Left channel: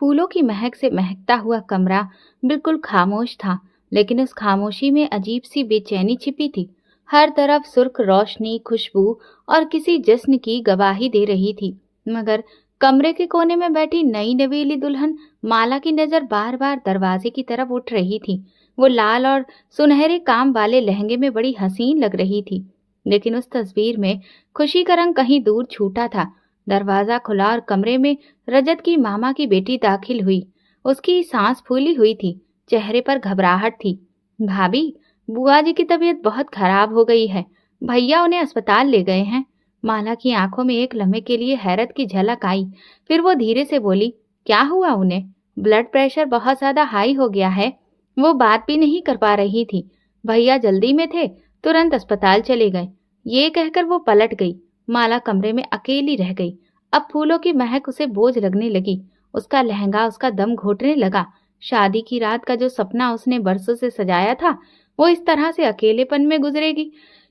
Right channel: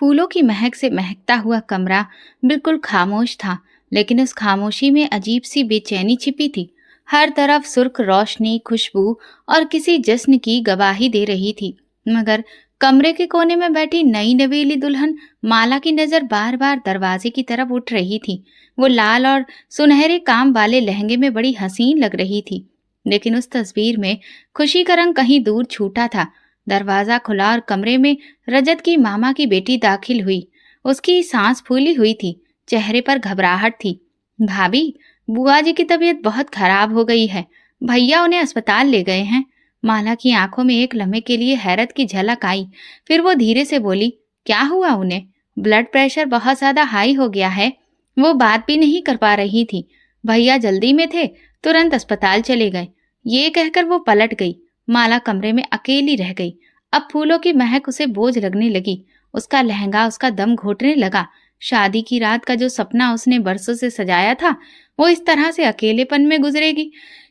फूलों की महक से महकता हुआ कमरा बिल्कुल खामोश था, लेकिन उस खामोशी में अजीब सी बेचैनी छिपी थी। हर तरफ सुर्ख रोशनी, खुशबू और किसी जश्न की गवाही दे रही थी। मगर कमरे के कोने में बैठी नई नवेली दुल्हन माला की नजर बार बार दरवाजे की तरफ उठ रही थी। वो लाल और सुनहरे काम वाले लहंगे में बड़ी हसीन लग रही थी, लेकिन उस तस्वीर में खुशी का रंग कहीं दूर छूटा था। दरवाजा खुला और कमरे में रजत की मामा की बेटी दाखिल हुई। उसकी सांस फूली हुई थी, चेहरे पर घबराहट थी। भाभी, बुआ जी की तबीयत बहुत खराब हो गई है। भैया उन्हें अस्पताल ले गए हैं। माला की आंखों में एक लम्हे के लिए हैरत की झलक आई। फिर वो धीरे से बोली, क्या हुआ उन्हें? ब्लड प्रेशर बहुत ज्यादा हाई हो गया है। वो बात भी नहीं कर पा रही थी। भैया जल्दी में थे, तुरंत अस्पताल चले गए। ये कहकर वो पलट गई। माला कमरे में अकेली रह गई। अब फूलों की महक उसे बोझ लगने लगी। उसका लहंगा उसका दम घोटने लगा। शादी की रात का जो सपना उसने बरसों से सजाया था, वो इस तरह से अकेलेपन में गुजरेगी,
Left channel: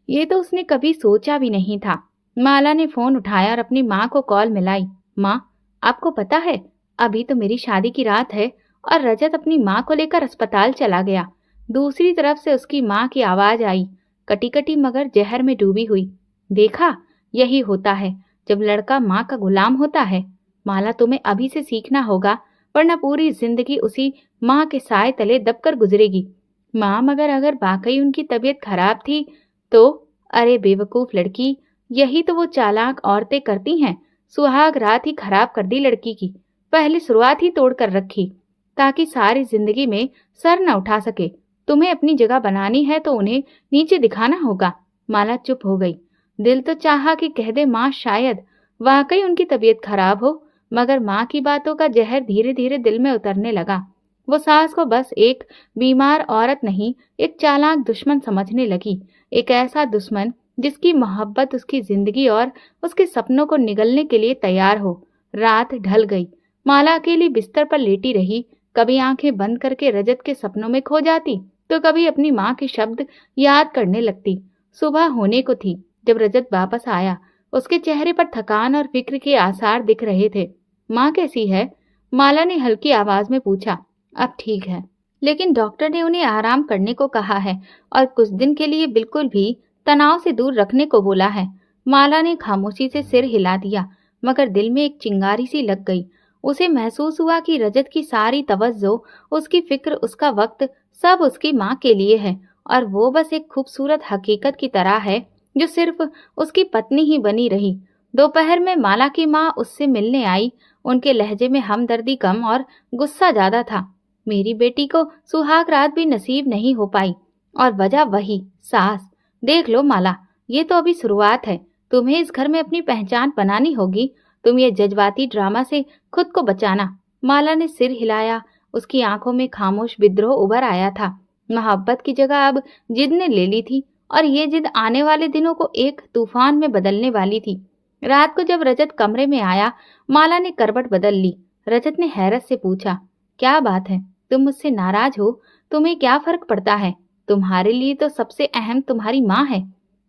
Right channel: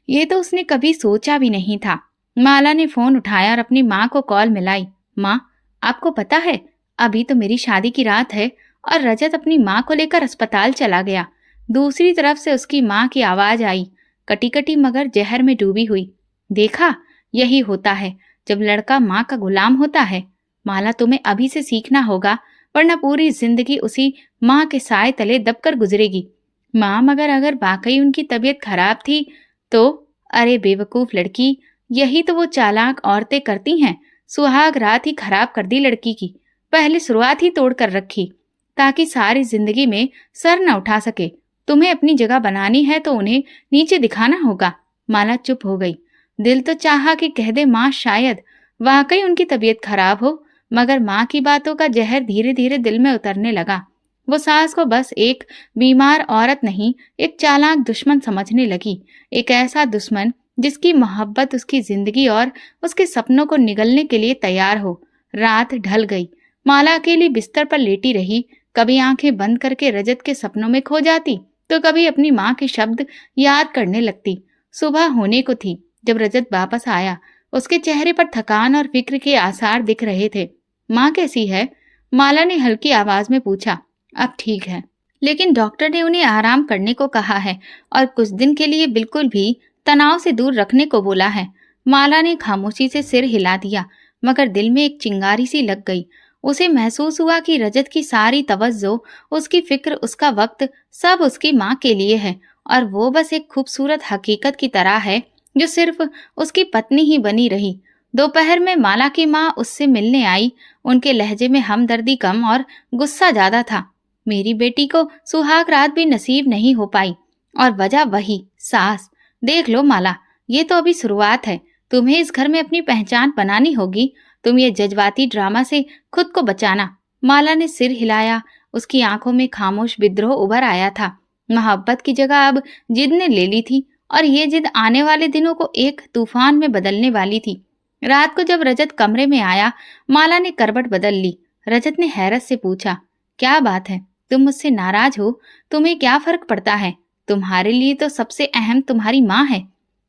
ये तो उसने कभी सोचा भी नहीं था। माला ने फोन उठाया और अपनी माँ को कॉल मिलाई। माँ, आपको पता है, अभी तो मेरी शादी की रात है और रजत अपनी माँ को लेकर अस्पताल चला गया। दूसरी तरफ से उसकी माँ की आवाज आई, कटी कटी मगर जहर में डूबी हुई। देखा, यही होता है जब लड़का माँ का गुलाम होता है। माला, तुम्हें अभी से सीखना होगा, वरना पूरी जिंदगी उसी माँ के साए तले दबकर गुजरेगी। माँ, मगर अगर वाकई उनकी तबीयत खराब थी तो? अरे बेवकूफ लड़की, यही तो वो चालाक औरतें करती हैं। सुहाग रात ही खराब कर दी लड़की की। पहले शुरुआत ही तोड़ कर रखी, ताकि सारी जिंदगी में सर न उठा सके। तुम्हें अपनी जगह बनानी है तो उन्हें नीचे दिखाना होगा। माला चुप हो गई। दिल तो चाहा कि कह दे माँ, शायद वाकई उनकी तबीयत खराब हो, मगर माँ की बातों का जहर धीरे धीरे दिल में उतरने लगा। वो सास को बस एक बीमार औरत नहीं, एक चालाक दुश्मन समझने लगी। एक ऐसा दुश्मन जिसकी मोहब्बत उसकी जिंदगी और उसके सपनों को निगलने के लिए तैयार हो। रात ढल गई। माला अकेली बिस्तर पर लेटी रही। कभी आंखें बंद करके रजत के सपनों में खो जाती, तो कभी अपनी माँ के शब्द याद करने लगती। सुबह होने को थी जब रजत वापस आया। उसके चेहरे पर थकान और फिक्र के आसार दिख रहे थे। माँ कैसी है? माला ने हल्की आवाज में पूछा। अब ठीक है, लेकिन डॉक्टर ने उन्हें आराम करने को कहा है और कुछ दिन के लिए बिल्कुल भी तनाव से दूर रखने को बोला है। माला ने खामोशी से सिर हिला दिया, मगर दिल में एक चिंगारी सी लग गई। उसे महसूस हुआ कि रजत की सारी तवज्जो, उसकी फिक्र, उसका वक्त सब उसकी माँ के लिए है, और वो बस एक खूबसूरत हकीकत की तरह है जो सिर्फ उसकी पत्नी ही बनी रही। दोपहर में माला की माँ उससे मिलने आई। उनके लहजे में हमदर्दी कम और गुस्सा ज्यादा था। मेरी बेटी को सुहाग रात भी नसीब नहीं हो पाई, और वजह वही सास। देख लो माला, ये तो अभी शुरुआत है। तुम्हें इस घर में अपनी पहचान बनानी होगी। तुम ये जज्बाती ड्रामा से खुद को बचाना। माला ने सिर हिलाया। उसकी आंखों में खामोश विद्रोह उभर आया था। मोहब्बत की जगह अब जिद ने ले ली थी, और ये जिद आने वाले दिनों को एक तूफान में बदलने वाली थी। रात को जब रजत कमरे में आया, माला ने करवट बदल ली। रजत ने हैरत से पूछा, क्या बात है? तुम मुझसे नाराज हो? तुम्हें क्या फर्क पड़ता है? तुम्हारे लिए तो सबसे अहम तुम्हारी माँ है।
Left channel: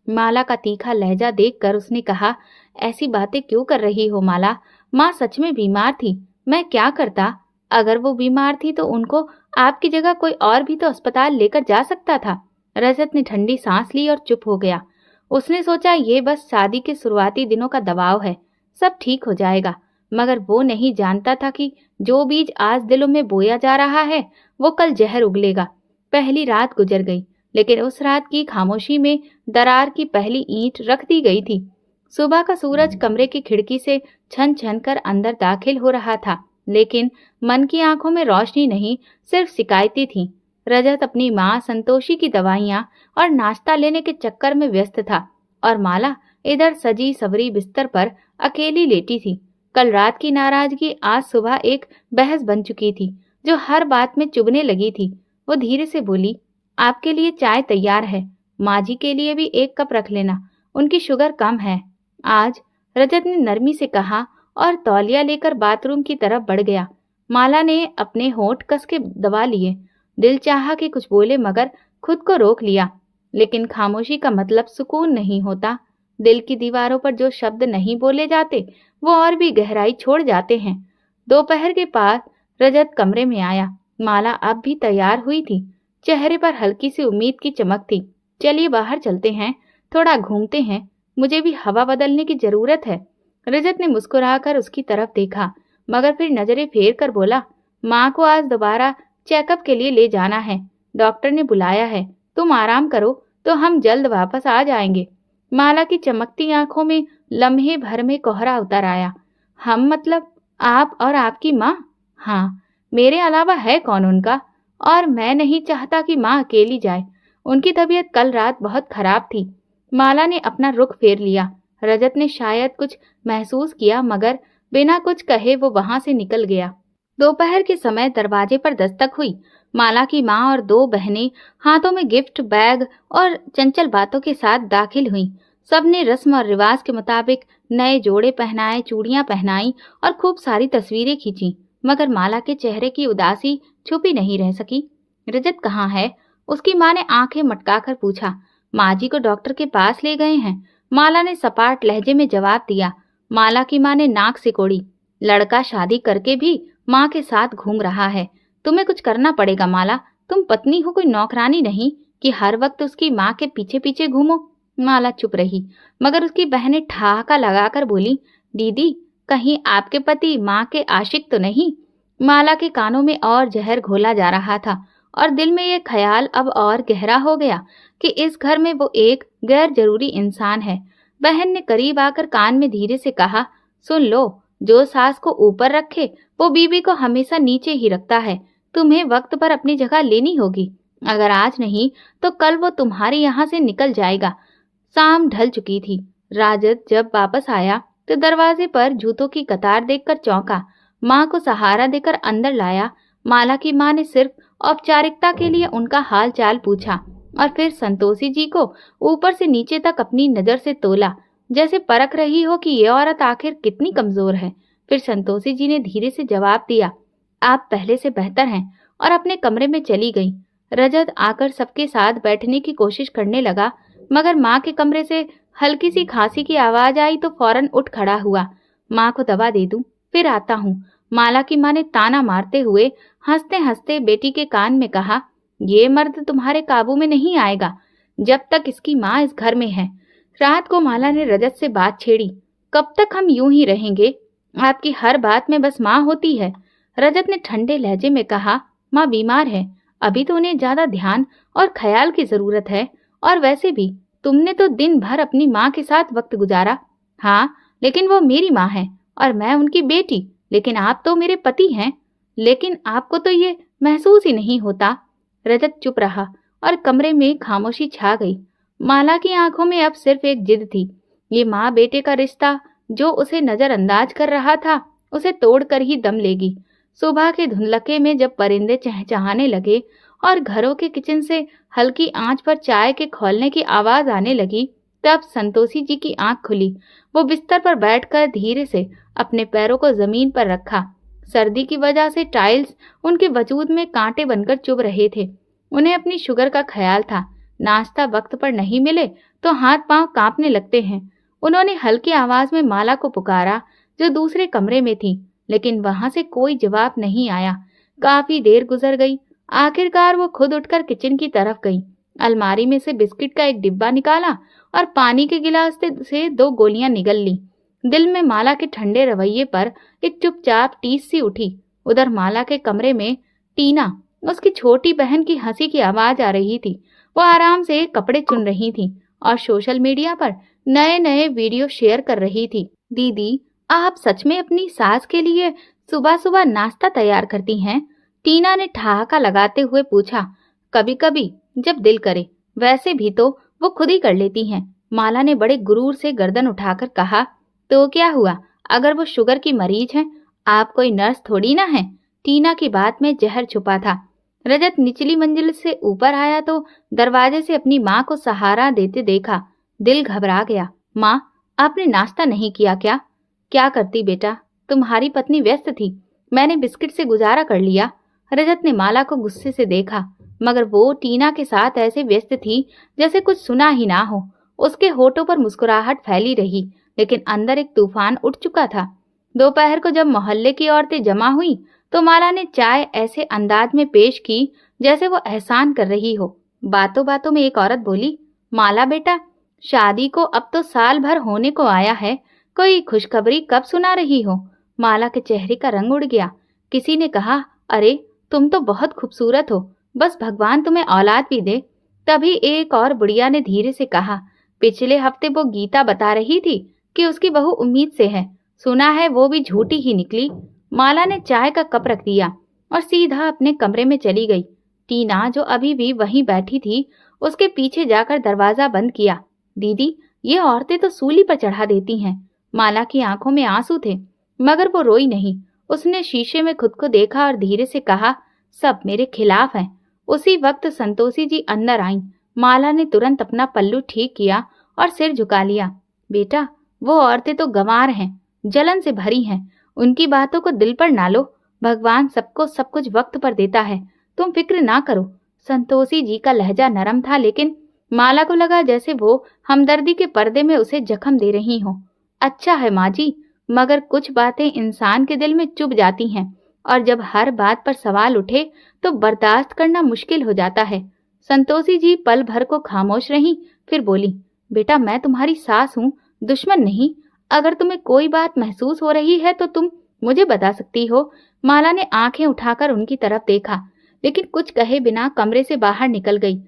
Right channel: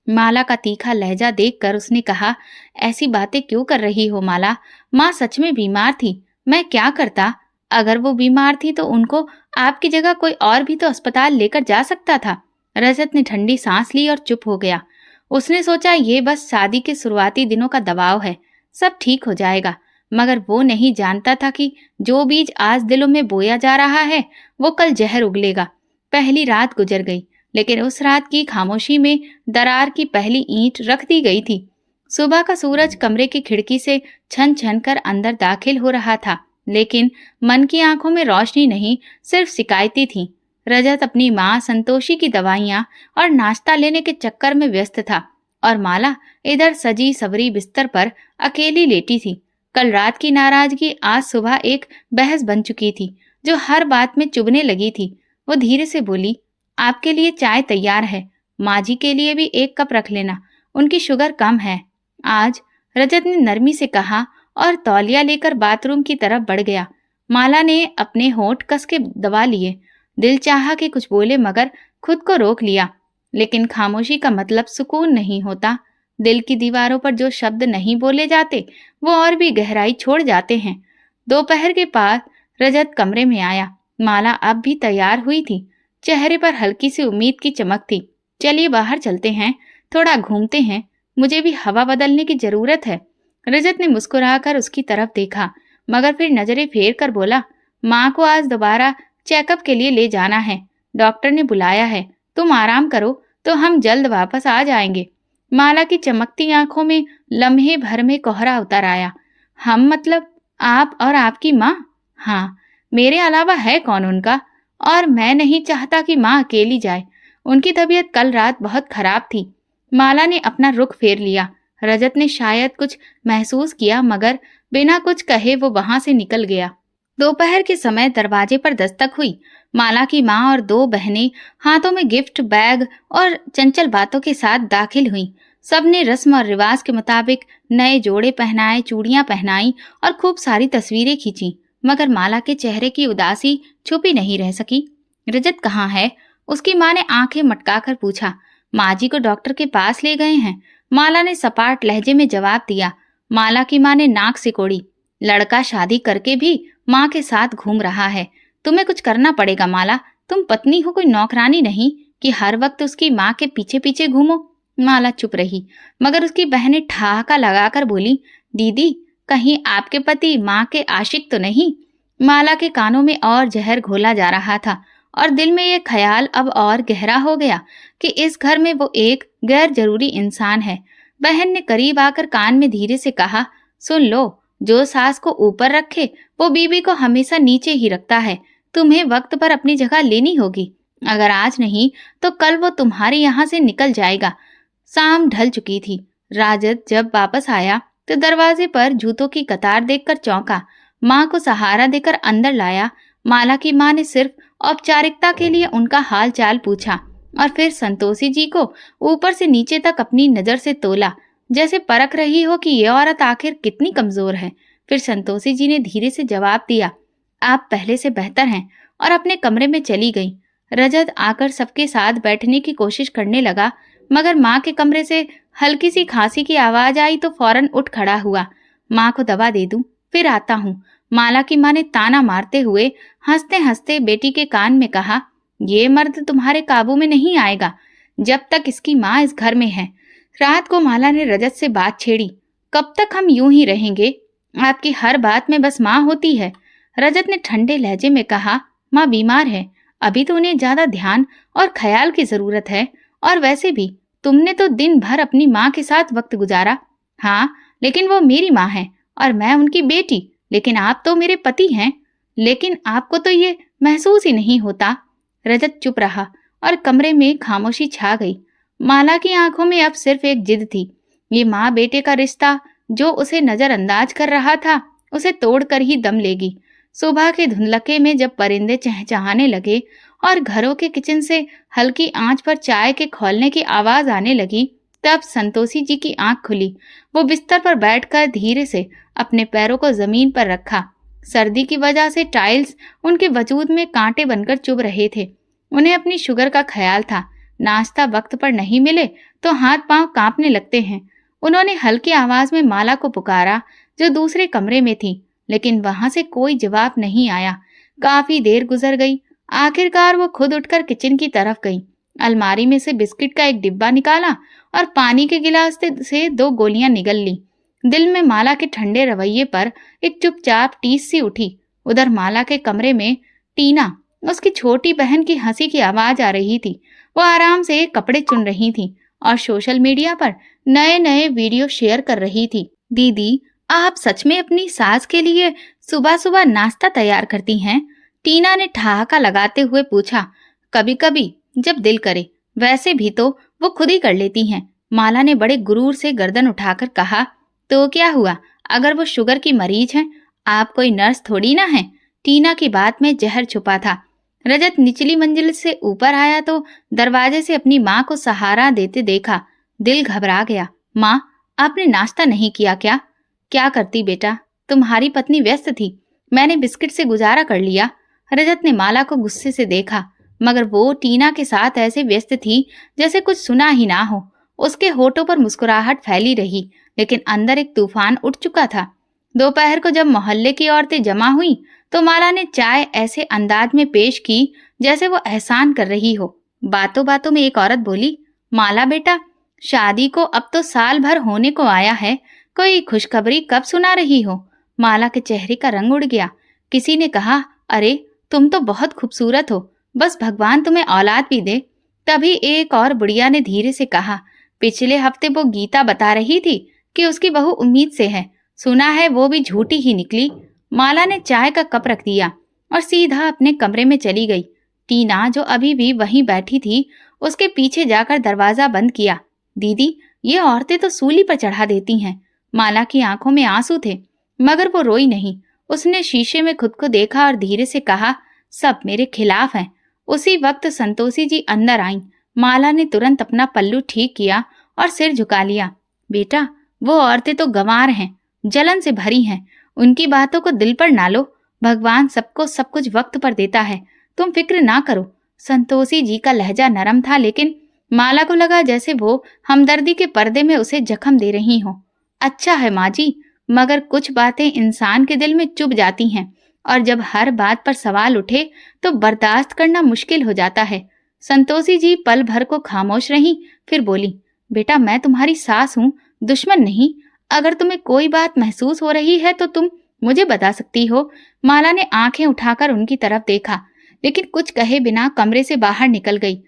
माला का तीखा लहजा देखकर उसने कहा, ऐसी बातें क्यों कर रही हो माला? माँ सच में बीमार थी। मैं क्या करता? अगर वो बीमार थी तो उनको आपकी जगह कोई और भी तो अस्पताल लेकर जा सकता था। रजत ने ठंडी सांस ली और चुप हो गया। उसने सोचा, ये बस शादी के शुरुआती दिनों का दबाव है, सब ठीक हो जाएगा। मगर वो नहीं जानता था कि जो बीज आज दिलों में बोया जा रहा है, वो कल जहर उगलेगा। पहली रात गुजर गई, लेकिन उस रात की खामोशी में दरार की पहली ईंट रख दी गई थी। सुबह का सूरज कमरे की खिड़की से छन छन कर अंदर दाखिल हो रहा था, लेकिन मन की आंखों में रोशनी नहीं, सिर्फ शिकायतें थीं। रजत अपनी माँ संतोषी की दवाइयाँ और नाश्ता लेने के चक्कर में व्यस्त था, और माला इधर सजी सवरी बिस्तर पर अकेली लेटी थी। कल रात की नाराजगी आज सुबह एक बहस बन चुकी थी, जो हर बात में चुभने लगी थी। वो धीरे से बोली, आपके लिए चाय तैयार है, माँ जी के लिए भी एक कप रख लेना, उनकी शुगर कम है आज। रजत ने नरमी से कहा और तौलिया लेकर बाथरूम की तरफ बढ़ गया। माला ने अपने होंठ कस के दबा लिए। दिल चाहा कि कुछ बोले, मगर खुद को रोक लिया। लेकिन खामोशी का मतलब सुकून नहीं होता। दिल की दीवारों पर जो शब्द नहीं बोले जाते, वो और भी गहराई छोड़ जाते हैं। दोपहर के बाद रजत कमरे में आया। माला अब भी तैयार हुई थी, चेहरे पर हल्की सी उम्मीद की चमक थी। चलिए बाहर चलते हैं, थोड़ा घूमते हैं, मुझे भी हवा बदलने की जरूरत है। रजत ने मुस्कुराकर उसकी तरफ देखा, मगर फिर नजरें फेर कर बोला, माँ को आज दोबारा चेकअप के लिए ले जाना है, डॉक्टर ने बुलाया है, तुम आराम करो तो हम जल्द वापस आ जाएंगे। माला की चमकती आंखों में लम्हे भर में कोहरा उतर आया। हम मतलब आप और आपकी माँ? हाँ, मेरे अलावा है कौन उनका? और मैं नहीं चाहता कि माँ अकेली जाए। उनकी तबीयत कल रात बहुत खराब थी। माला ने अपना रुख फेर लिया। रजत ने शायद कुछ महसूस किया, मगर बिना कुछ कहे वो वहां से निकल गया। दोपहर के समय दरवाजे पर दस्तक हुई। माला की माँ और दो बहनें हाथों में गिफ्ट बैग और चंचल बातों के साथ दाखिल हुईं। सबने रस्म और रिवाज के मुताबिक नए जोड़े पहनाए, चूड़ियां पहनाई और खूब सारी तस्वीरें खींची, मगर माला के चेहरे की उदासी छुपी नहीं रह सकी। रजत कहाँ है? उसकी माँ ने आंखें मटकाकर पूछा। माँ जी को डॉक्टर के पास ले गए हैं, माला ने सपाट लहजे में जवाब दिया। माला की माँ ने नाक सिकोड़ी। लड़का शादी करके भी माँ के साथ घूम रहा है, तुम्हें कुछ करना पड़ेगा माला, तुम पत्नी हो, कोई नौकरानी नहीं कि हर वक्त उसकी माँ के पीछे पीछे घूमो। माला चुप रही, मगर उसकी बहनें ठहाका लगाकर बोली, दीदी कहीं आपके पति माँ के आशिक तो नहीं? माला के कानों में और जहर घोला जा रहा था और दिल में ये ख्याल अब और गहरा हो गया कि इस घर में वो एक गैर जरूरी इंसान है। बहन ने करीब आकर कान में धीरे से कहा, सुन लो, जो सास को ऊपर रखे वो बीवी को हमेशा नीचे ही रखता है। तुम्हें वक्त पर अपनी जगह लेनी होगी, अगर आज नहीं तो कल वो तुम्हारे यहाँ से निकल जाएगा। शाम ढल चुकी थी। राजत जब वापस आया तो दरवाजे पर जूतों की कतार देखकर चौंका। माँ को सहारा देकर अंदर लाया। माला की माँ ने सिर्फ औपचारिकता के लिए उनका हाल चाल पूछा और फिर संतोषी जी को ऊपर से नीचे तक अपनी नजर से तोला, जैसे परख रही हो कि ये औरत आखिर कितनी कमजोर है। फिर संतोषी जी ने धीरे से जवाब दिया, आप पहले से बेहतर हैं, और अपने कमरे में चली गई। रजत आकर सबके साथ बैठने की कोशिश करने लगा, मगर माँ के कमरे से हल्की सी खांसी की आवाज आई तो फौरन उठ खड़ा हुआ। माँ को दवा दे दूं, फिर आता हूँ, माला की माँ ने ताना मारते हुए हंसते हंसते बेटी के कान में कहा। ये मर्द तुम्हारे काबू में नहीं आएगा जब तक इसकी माँ इस घर में है। रात को माला ने रजत से बात छेड़ी, कब तक हम यूं ही रहेंगे? आपकी हर बात में बस माँ होती है। रजत ने ठंडे लहजे में कहा, माँ बीमार है, अभी तो उन्हें ज्यादा ध्यान और ख्याल की जरूरत है, और वैसे भी तुमने तो दिन भर अपनी माँ के साथ वक्त गुजारा। हाँ, लेकिन वो मेरी माँ है और मैं उनकी बेटी, लेकिन आप तो मेरे पति हैं। लेकिन आपको तो ये महसूस ही नहीं होता। रजत चुप रहा और कमरे में खामोशी छा गई। माला की आंखों में अब सिर्फ एक जिद थी। ये माँ बेटे का रिश्ता जो उसे नजरअंदाज कर रहा था, उसे तोड़कर ही दम लेगी। सुबह के धुंधलके में जब परिंदे चहचहाने लगे और घरों के किचन से हल्की आंच पर चाय के खौलने की आवाज आने लगी, तब संतोषी जी की आंख खुली। वो बिस्तर पर बैठकर धीरे से अपने पैरों को जमीन पर रखा। सर्दी की वजह से टाइल्स उनके वजूद में कांटे बनकर चुभ रहे थे। उन्हें अपनी शुगर का ख्याल था, नाश्ता वक्त पर नहीं मिले तो हाथ पांव कांपने लगते हैं। उन्होंने हल्की आवाज में माला को पुकारा, जो दूसरे कमरे में थी, लेकिन वहां से कोई जवाब नहीं आया। काफी देर गुजर गई। आखिरकार वो खुद उठकर किचन की तरफ गई। अलमारी में से बिस्किट का एक डिब्बा निकाला और पानी के गिलास से 2 गोलियां निगल ली। दिल में माला के ठंडे रवैये पर एक चुपचाप टीस सी उठी। उधर माला के कमरे में टीना, उसकी छोटी बहन की हंसी की आवाज आ रही थी। वो आराम से कपड़े चुन रही थी और सोशल मीडिया पर नए नए वीडियो शेयर कर रही थी। दीदी, आप सच में अपनी सास के लिए सुबह सुबह नाश्ता तैयार करती हैं? टीना ने ठहाका लगाते हुए पूछा। कभी कभी, जब दिल करे, वैसे भी तो वो खुद ही कर लेती हैं। माला ने बड़े गुरूर से गर्दन उठाकर कहा। तो क्या हुआ अगर वो शुगर की मरीज हैं? आप कोई नर्स थोड़ी ना हैं। टीना की बात में जहर छुपा था। रजत निचली मंजिल से ऊपर आया तो दरवाजे से अपनी माँ को सहारा देते देखा। दिल घबरा गया। माँ, आपने नाश्ता नहीं किया क्या? क्या करती बेटा, तुम्हारी पत्नी व्यस्त थी, मैंने बिस्किट से गुजारा कर लिया। रजत ने माला को गुस्से से देखा, मगर वो टीना के साथ ऐसे व्यस्त थी जैसे कुछ सुना ही ना हो। उसके होठों पर मुस्कुराहट फैली रही, लेकिन अंदर एक तूफान उठ चुका था। दोपहर को जब मोहल्ले की औरतें जमा हुई तो माला ने चाय ऐसे अंदाज में पेश की जैसे वो एहसान कर रही हो। बातों बातों में एक औरत बोली, माला बेटा, शादी को अब तो साल भर होने को आया है, कोई खुशखबरी कब सुना रही हो? माला के चेहरे का रंग उड़ गया। किसी ने कहा, अरे तुम तो बहुत खूबसूरत हो, बस भगवान तुम्हें औलाद भी दे। तभी एक और बुढ़िया ने धीरे से कहा, पिछले हफ्ते वो गीता बता रही थी कि उसकी बहू उम्मीद से है, सुना है वो भी झूठी ही निकली। माला ने चाय का कप रख दिया और सीधा अपने कमरे में चली गई। टीना, जो अभी भी वहीं बैठी थी, उसके पीछे जाकर दरवाजा बंद किया। दीदी, ये औरतें तो सूली पर चढ़ा देती हैं। माला की आंखों में आंसू थे, मगर वो रोई नहीं। उसने शीशे में खुद को देखा और धीरे से कहा, सब मेरे खिलाफ हैं। उसी वक्त संतोषी जी अंदर आईं। माला ने तुरंत अपना पल्लू ठीक किया और सिर झुका लिया। बेटा, वो औरतें तो गंवार हैं, जलन से भरी हैं, उनकी बातों को दिल पर ना लो। भगवान सबको सब कुछ वक्त पर देता है, तुम फिक्र ना करो। संतोषी जी का लहजा नरम था, लेकिन माला को लगा जैसे वो हमदर्दी के पर्दे में उसे जख्म दे रही हो। अच्छा है माँ जी, मगर कुछ बातें इंसान के दिल में चुभ जाती हैं, और जब हर बात पर सवाल उठे तो बर्दाश्त करना मुश्किल हो जाता है। संतोषी जी पल भर को खामोश रहीं, फिर बोली, बेटा, मैं तुम्हारी सास हूँ, दुश्मन नहीं। अगर तुम्हें कोई बात महसूस हो रही है तो तुम मुझे बता सकती हो। माला ने आंखें उठाकर उनकी तरफ देखा, लेकिन कुछ कहे बिना कमरे से बाहर निकल गई।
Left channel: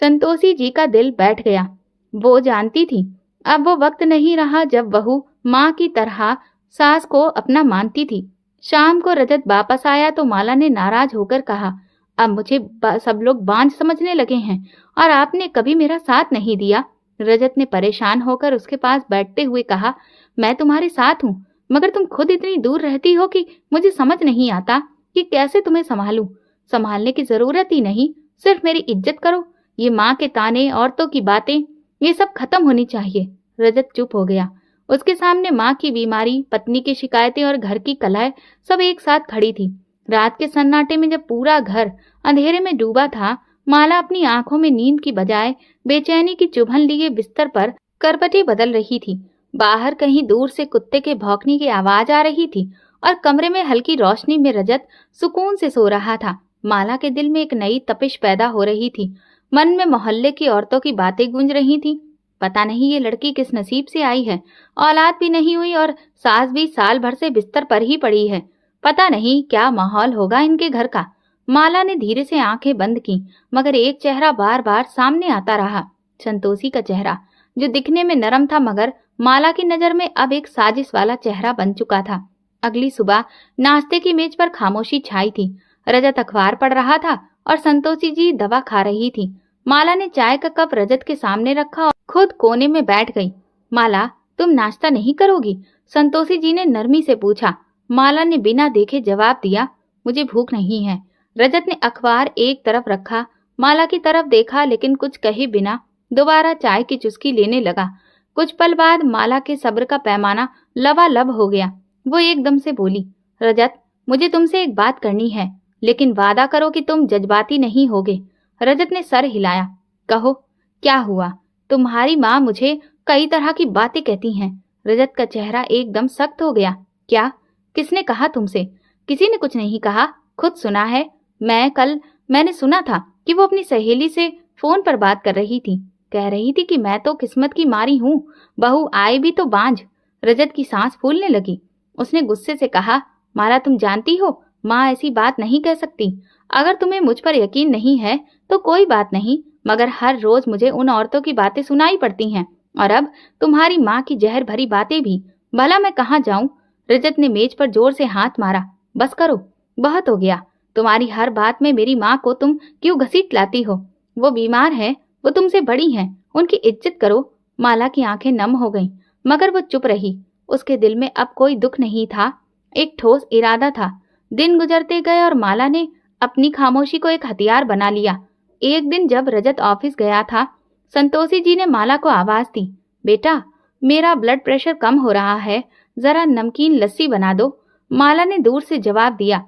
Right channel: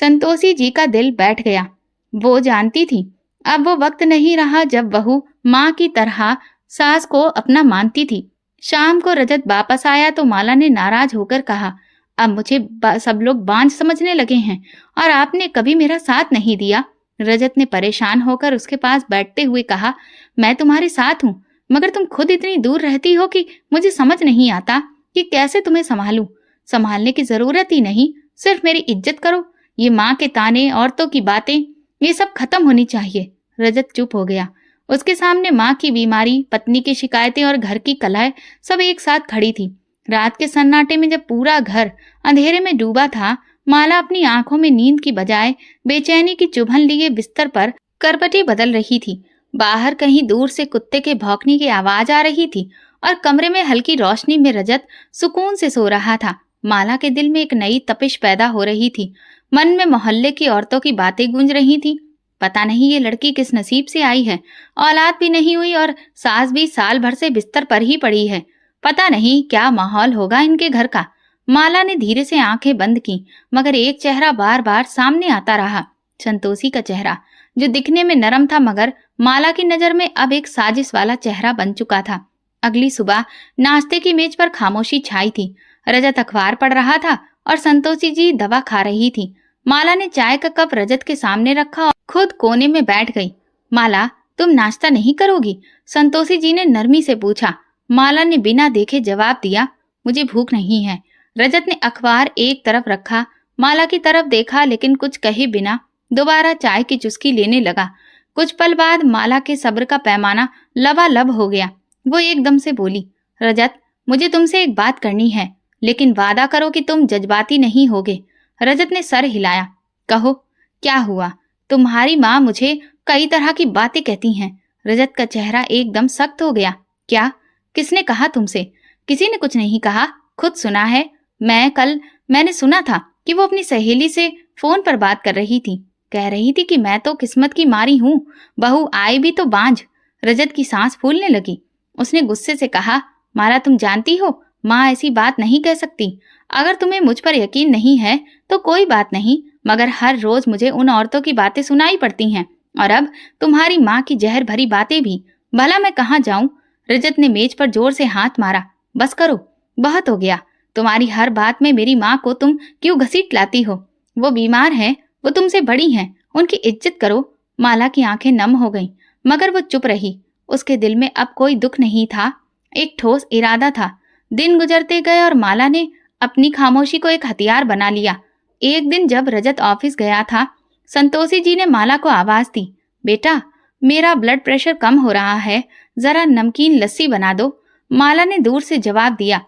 संतोषी जी का दिल बैठ गया। वो जानती थी अब वो वक्त नहीं रहा जब बहू माँ की तरह सास को अपना मानती थी। शाम को रजत वापस आया तो माला ने नाराज होकर कहा, अब मुझे सब लोग बांझ समझने लगे हैं और आपने कभी मेरा साथ नहीं दिया। रजत ने परेशान होकर उसके पास बैठते हुए कहा, मैं तुम्हारे साथ हूँ, मगर तुम खुद इतनी दूर रहती हो कि मुझे समझ नहीं आता कि कैसे तुम्हें संभालूं। संभालने की जरूरत ही नहीं, सिर्फ मेरी इज्जत करो। ये माँ के ताने, औरतों की बातें, ये सब खत्म होनी चाहिए। रजत चुप हो गया। उसके सामने माँ की बीमारी, पत्नी की शिकायतें और घर की कलह सब एक साथ खड़ी थी। रात के सन्नाटे में जब पूरा घर अंधेरे में डूबा था, माला अपनी आंखों में नींद की बजाय बेचैनी की चुभन लिए बिस्तर पर करवटें बदल रही थी। बाहर कहीं दूर से कुत्ते के भौंकने की आवाज आ रही थी और कमरे में हल्की रोशनी में रजत सुकून से सो रहा था। माला के दिल में एक नई तपिश पैदा हो रही थी। मन में मोहल्ले की औरतों की बातें गूंज रही थीं। पता नहीं ये लड़की किस नसीब से आई है, औलाद भी नहीं हुई और सास भी साल भर से बिस्तर पर ही पड़ी है। पता नहीं क्या माहौल होगा इनके घर का। माला ने धीरे से आंखें बंद की, मगर एक चेहरा बार बार सामने आता रहा। संतोषी का चेहरा, जो दिखने में नरम था मगर माला की नजर में अब एक साजिश वाला चेहरा बन चुका था। अगली सुबह नाश्ते की मेज पर खामोशी छाई थी। रजत अखबार पढ़ रहा था और संतोषी जी दवा खा रही थी। माला ने चाय का कप रजत के सामने रखा और खुद कोने में बैठ गई। माला, तुम नाश्ता नहीं करोगी? संतोषी जी ने नरमी से पूछा। माला ने बिना देखे जवाब दिया, मुझे भूख नहीं है। रजत ने अखबार एक तरफ रखा, माला की तरफ देखा, लेकिन कुछ कहे बिना दोबारा चाय की चुस्की लेने लगा। कुछ पल बाद माला के सब्र का पैमाना लबालब हो गया। वो एकदम से बोली, रजत, मुझे तुमसे एक बात करनी है, लेकिन वादा करो कि तुम जज्बाती नहीं होगे। रजत ने सर हिलाया। कहो, क्या हुआ? तुम्हारी माँ मुझे कई तरह की बातें कहती हैं। रजत का चेहरा एकदम सख्त हो गया। क्या? किसने कहा तुमसे? किसी ने कुछ नहीं कहा, खुद सुना है। मैंने सुना था कि वो अपनी सहेली से फोन पर बात कर रही थी। कह रही थी कि मैं तो किस्मत की मारी हूँ, बहू आए भी तो बांझ। रजत की सांस फूलने लगी। उसने गुस्से से कहा, माला, तुम जानती हो माँ ऐसी बात नहीं कह सकती। अगर तुम्हें मुझ पर यकीन नहीं है तो कोई बात नहीं, मगर हर रोज मुझे उन औरतों की बातें सुनाई पड़ती हैं, और अब तुम्हारी माँ की जहर भरी बातें भी। भला मैं कहाँ जाऊं? रजत ने मेज पर जोर से हाथ मारा। बस करो, बहुत हो गया। तुम्हारी हर बात में मेरी माँ को तुम क्यों घसीट लाती हो? वो बीमार है, वो तुमसे बड़ी हैं, उनकी इज्जत करो। माला की आंखें नम हो गईं, मगर वो चुप रही। उसके दिल में अब कोई दुख नहीं था, एक ठोस इरादा था। दिन गुजरते गए और माला ने अपनी खामोशी को एक हथियार बना लिया। एक दिन जब रजत ऑफिस गया था, संतोषी जी ने माला को आवाज दी, बेटा, मेरा ब्लड प्रेशर कम हो रहा है, जरा नमकीन लस्सी बना दो। माला ने दूर से जवाब दिया,